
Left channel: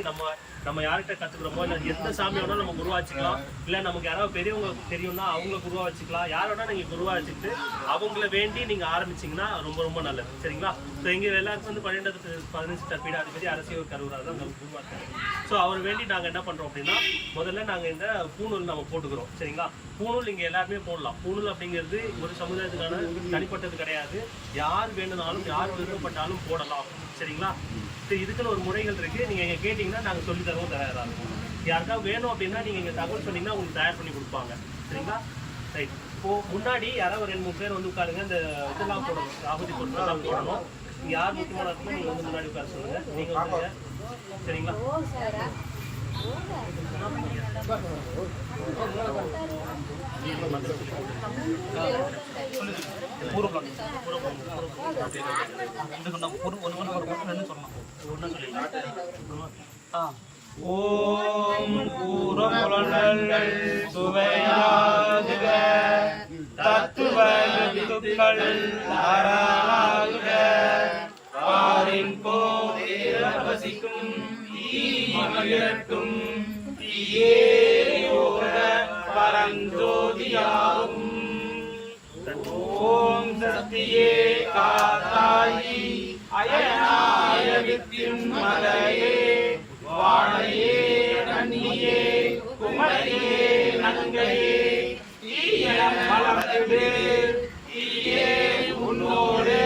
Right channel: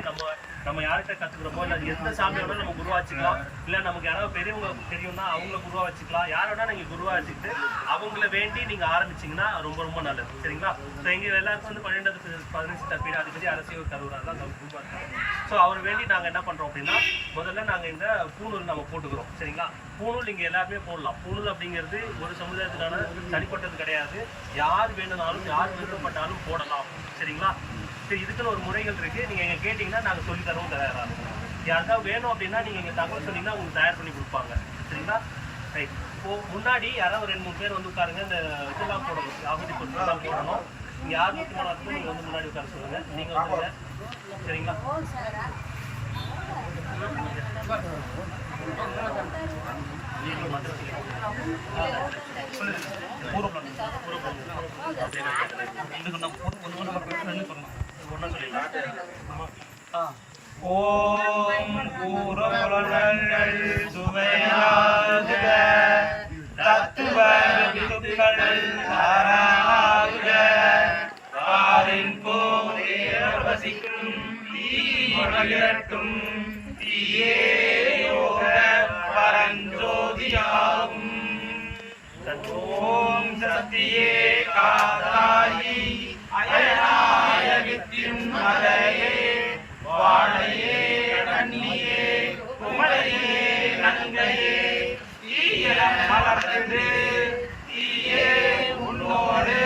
நம்ம யார்கிட்ட கத்துக்கிறோமோ, இல்லை எந்த சாமி வேணாலும் நம்ம குருவா வச்சுக்கலாம். இல்லை நமக்கு யாராவது பெரியவங்க தெரியும்னா அவங்க குருவா வச்சுக்கலாம். யார் வேணா நீங்க குருவா வச்சுக்கிட்டு அவங்கள வேண்டி நீங்க ஆரம்பிச்சீங்கன்னா ரொம்ப ரொம்ப நல்லது. சரிங்களா? ஸோ இங்கே எல்லாருக்கும் வந்து 12-15 தற்பீடு அதிபதி அரசியல் தருவராக தான் நம்ம குருவா இருக்காங்க. ஸோ அவர் வேண்டி நாங்கள் என்ன பண்றோம் அப்படின்னா, முதல்ல நாங்கள் இந்த பூணூல் நம்ம போட்டுக்கிறோம். சரிங்களா? பூணூல் இங்கே எல்லாருமே போடலாம். பூணூல் அப்படிங்கிறது ஒரு சமுதாயத்துக்கான தனிப்பட்டது கிடையாது. யார் வேணும்னாலும் யார் விருப்பப்பட்டாலும் போடலாம். சரிங்களா? சரி, இதுக்குன்னு ஒரு முறைகள் இருக்கு. நீங்க எங்க கேட்டீங்கன்னா நாங்க சொல்லி தரவும் தயாரா இருக்கும். யாருக்காவது வேணும் அப்படின்னா நீங்க எங்க தகவல் சொன்னீங்கன்னா உங்களுக்கு தயார் பண்ணி கொடுப்பாங்க. சரிங்களா? ரைட். இப்போ முன்னாடி யாராவது 2-3 பேர் வந்து உட்காருங்க. இந்த இதெல்லாம் போடணும், ஆகுதி பொருட்கள்லாம் போடணும். நீங்க யார் முக்கியமான இருக்குமோ நீங்க வந்து முன்னாடி உட்கார சொல்லுங்க. நீங்க வந்துருங்க. சரிங்களா? ஓம் கூறமுழங்கள் சுவையாக தத்துவ வித்துக்கள் ஆராக ஆரின் போதேரம் வசிக்கும் தீமகிழட்டும் தீயே யோக பரஞ்சோதியாகும். ஓம் சக்தியே காத்தாயி அயனாய வித்தின் மலையே வாழையே கண்ணியே குமரையே நங்கையே தீய மலர்ந்து தீயே உன்னோடு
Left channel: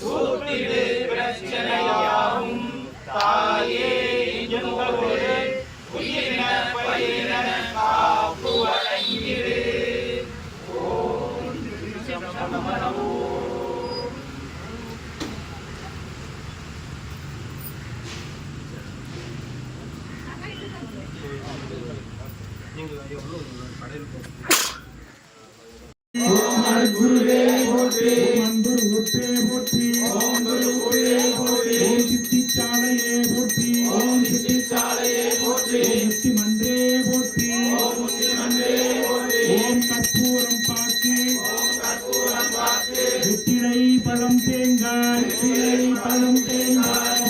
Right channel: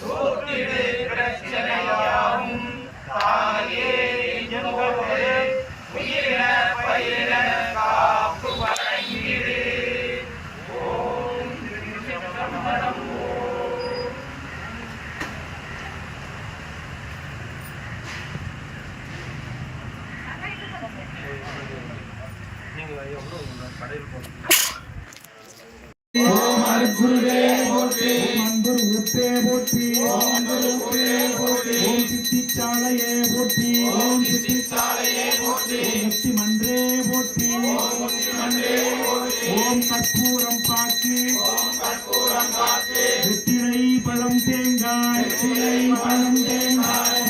தூக்கிடு பிரச்சனையாகும் தாயே எங்களோடு உயிரின பயிரின காப்பு வழங்கிடு. ஓம் அருட்குருவே போற்றி, அன்பர் ஊற்றே போற்றி, ஓம் குருவே போற்றி, ஓம் சித்திச்சாலையே போற்றி, ஓம் சித்திச்சாலையே போற்றி, முக்தி மன்றே போற்றி, ஓம் முக்தி மன்றே போற்றி, ஓம் கற்பூரம் பாக்கி, ஓம் கற்பூரம் பாக்கி, வெற்றிலை பழம் தேங்காய், வெற்றிலை பழம் தேங்காய்,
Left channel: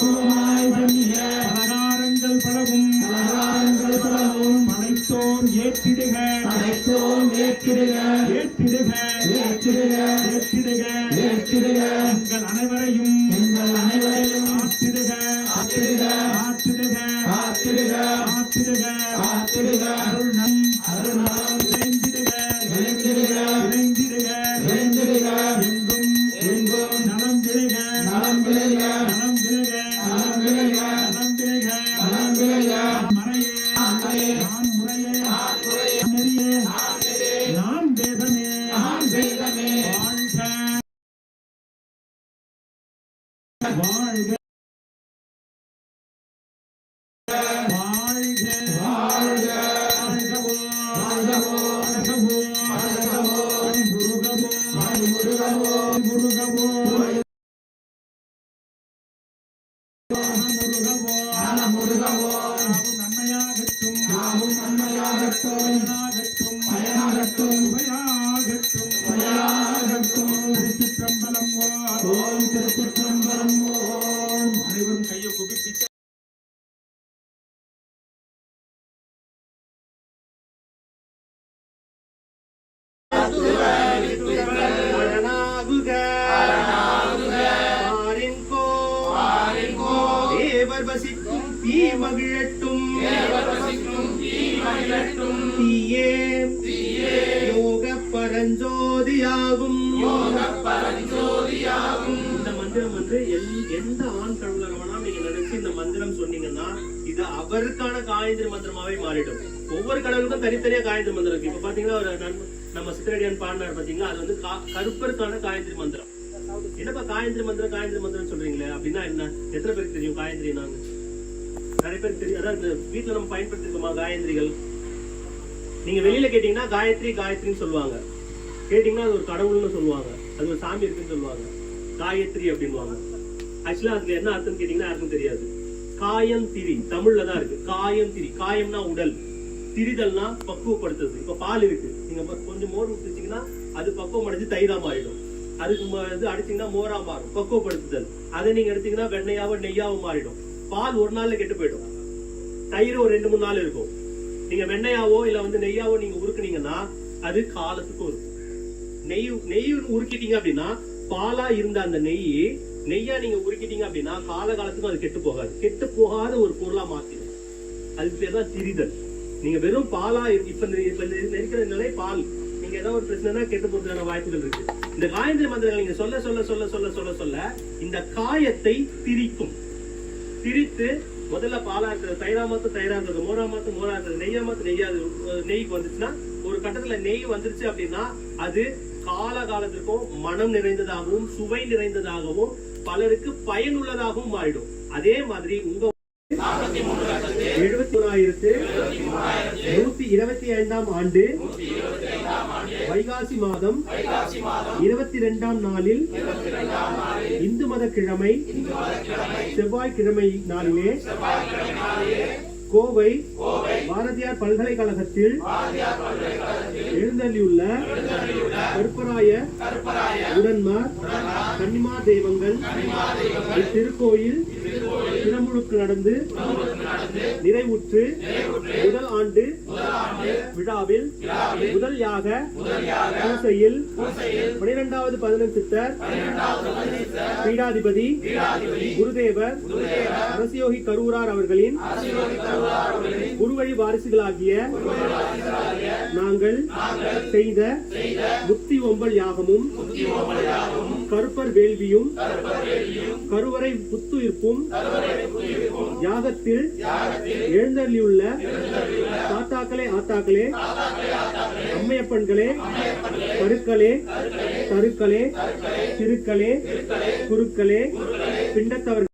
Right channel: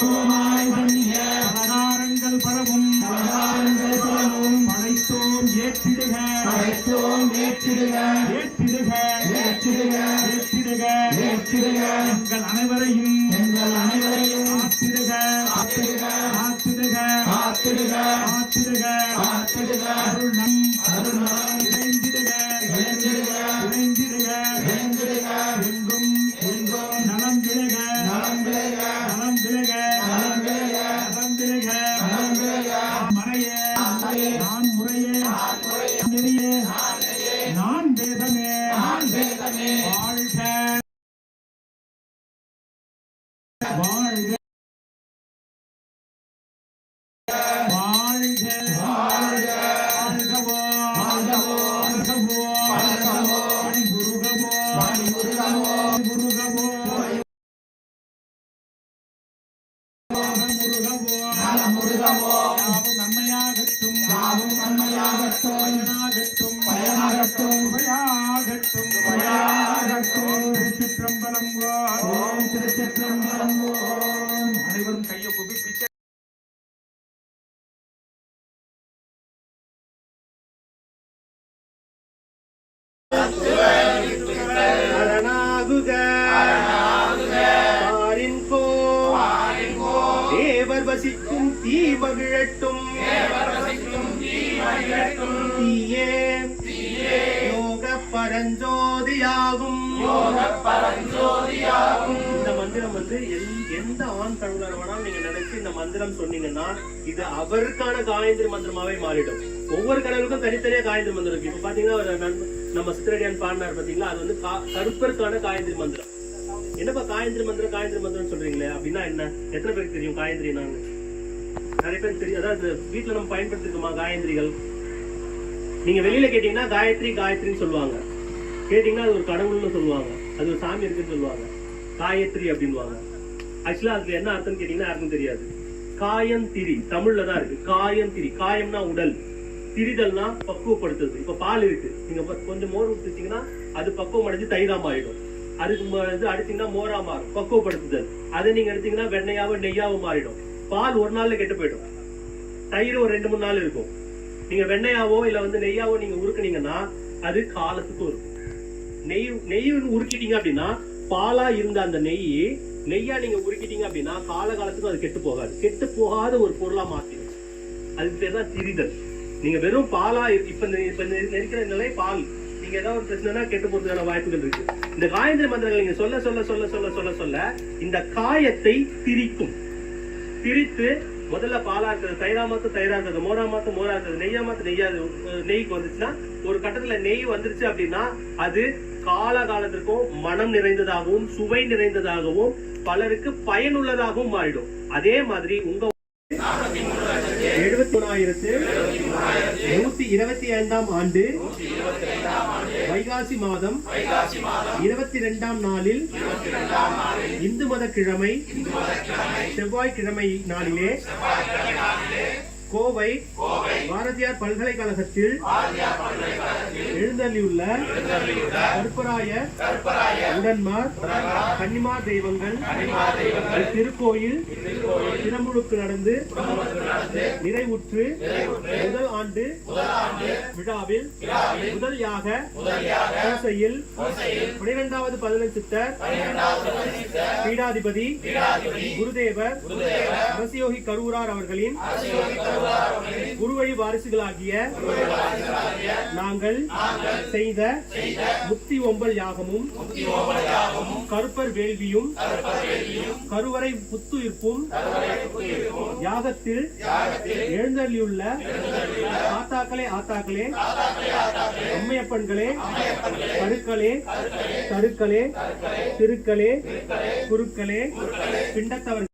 குமாய் பண்ணிய ஆகாரங்கள் பலவும் படைத்தோம் ஏற்றிடுக, ஏற்றிடுக, ஏற்றிடுக, ஏற்றிடுக, ஏற்றிடுக, எங்கள் அனைவரையும் ஆற்றிடுக, ஆற்றிடுக, ஆற்றிடுக, ஆற்றிடுக, ஆற்றிடுக, ஆற்றிடுக, அருள்நம் இணைந்திடுக, இணைந்திடுக, இணைந்திடுக, இணைந்திடுக, எங்கும் எங்கும் நலம் விளைக, நலம் விளைக, நலம் விளைக, நலம் விளைக, நலம் விளைக, நலம் விளைக, மறைய நான் முறையே நெறியே நான் வேதமே வாழ்க வாழ்க வாழ்க வாழ்க அனைவரும் கையை குவிப்பிக்க தேவர் வசிக்கும் தீமகிழட்டும், தீயே யோக பரஞ்சோதியாகும். இந்த மந்திரம் வந்து எந்த ஆண் கடவுளர் வேணாலும் நீங்க நினைச்சு இந்த மந்திரம் சொன்னீங்கன்னா இது அவருக்கான காயத்ரி மந்திரமாவே மாறிடும். ஒவ்வொரு கடவுளுக்கும் தனித்தனியா காயத்ரி மந்திரம் இருக்கு. இப்ப பாத்தீங்கன்னா ஒரு நம்ம சித்திரடியான் பாடினார் பாத்தீங்களா, அது வந்து கருப்பருக்கான காயத்ரி மந்திரம். என்னப்பா காயத்ரி மந்திரம் சொல்றீங்களே அப்படின்னா என்ன? எத்தனை பேருக்கு தெரியும் காயத்ரி? நாங்க நிறைய பேர் தெரியும். அதாவது வீட்டுல நம்ம பயன்படுத்திருக்கோமா காயத்ரிகள்? நீங்க வெளியில கேட்டீங்கன்னா காயத்ரின்னு சொல்லுவாங்க. கேட்டீங்கன்னா அது ஒரு கடவுள்னு சொல்லுவாங்க, அது ஒரு சாமி இருக்குன்னு சொல்லுவாங்க. காயத்ரி அப்படின்வாங்க. ஆக்சுவலா அதுக்கு என்ன அர்த்தம் கேட்டீங்கன்னா யாருக்கும் தெரியாது. காயம் திரி தமிழ்ல தான் இருக்கு. காயம் திரி, காயம்னா உடல், திரிதல்னா பக்குவப்படுத்துறது. இப்ப பால் இருக்கு, நீங்க கொஞ்சம் மோர் ஊற்றிச்சீங்கன்னா அது பக்குவம் அடைஞ்சு தயிராம ஆயிடும். அதுக்கு இது அடிச்சீங்கன்னா மோரா மாறும், பக்குவப்படுத்துதல். அதை நீங்க எடுத்தீங்கன்னா வெண்ணையாவும் நெய்யாவும் மாறிடும். பால் ஒரு நாள்ல கெட்டு போயிடும், தயிர் ஒரு 2-3 நாள் இருக்கும். நீங்க வெண்ணையாவோ இல்ல வந்து நெய்யாவோ நீங்க உருக்குனீங்கன்னா அது காலத்துக்கும் இருக்கும். நெய் உருக்கிட்டீங்க அப்படின்னா பாலா இருந்த அந்த நெய்யா நீங்க உருக்கிட்டீங்க அப்படின்னா காலத்துக்கும் அது கெட்டு போகாது. கெட்டு போகாத ஒரு பொருளா மாத்திடும். அதுக்கு பேர் தான் திரிதல். நீங்க வெறும் பாலா இப்ப நெருக்கிற நிலை பால், நீங்க ஏதாவது ஒரு பிரச்சனைனா கெட்டு போறதுக்கான வாய்ப்புகள் இருக்கு. இந்த காயத்ரி மந்திரங்கள் நீங்க சொல்ல சொல்ல சொல்ல சொல்ல சொல்ல சொல்ல இந்த காயத்தை திரிக்கும். திரித்து முதல்ல பாலா இருக்கிறது தயிரா இருக்கிறது, மோரா இருக்கிறது, நெய்யா நெய்க்கு வந்துச்சுன்னா ஒரு கட்டத்துல நெய் வந்துருச்சு அப்படின்னா அது காலத்திற்கும் மனம் நிறைந்ததாகவும் சுவை நிறைந்ததாகவும் பலருக்கு பயனுள்ளதாகவும் மாறிடும். அதே மாதிரி உங்க 73,125ஆம் ஆண்டு வைகாசி மாதம் 22ஆம் நாளில் இந்து மத கிழமை செவ்வாய்க்கிழமை நாளிலே கோவை பாரதியார் பல்கலைக்கழகத்தில் எழுந்தள்ளியுள்ள கருப்பராய உடன்மார் கன்னிமார் தெய்வங்கள் திருக்கோயில் திருமுழுக்கு நடந்து நிறைவுற்று முதல் ஆண்டு விழாவில் முதல் யாக பூசையில் 12வது 11 சித்தர் பீடாதிபதி குருதேவர் அரசியோகி கரூரார் அவர்களின் குருவழி வாரிசுகளாகிய நாங்கள் செய்த முத்தி ஒம்பல் யாகமும் கருப்பர் வேள்வியும் கருவறை புத்துயிர்ப்பும் யாகத்தில் எழுந்தள்ளியுள்ள தாத்தாக்களே ஆத்தாக்களே அம்மையப்பன்களே கருக்களே தருக்களே திருக்களே குருக்களே பிண்டத்தவர்கள்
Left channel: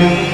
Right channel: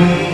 Thank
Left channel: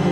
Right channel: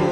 you.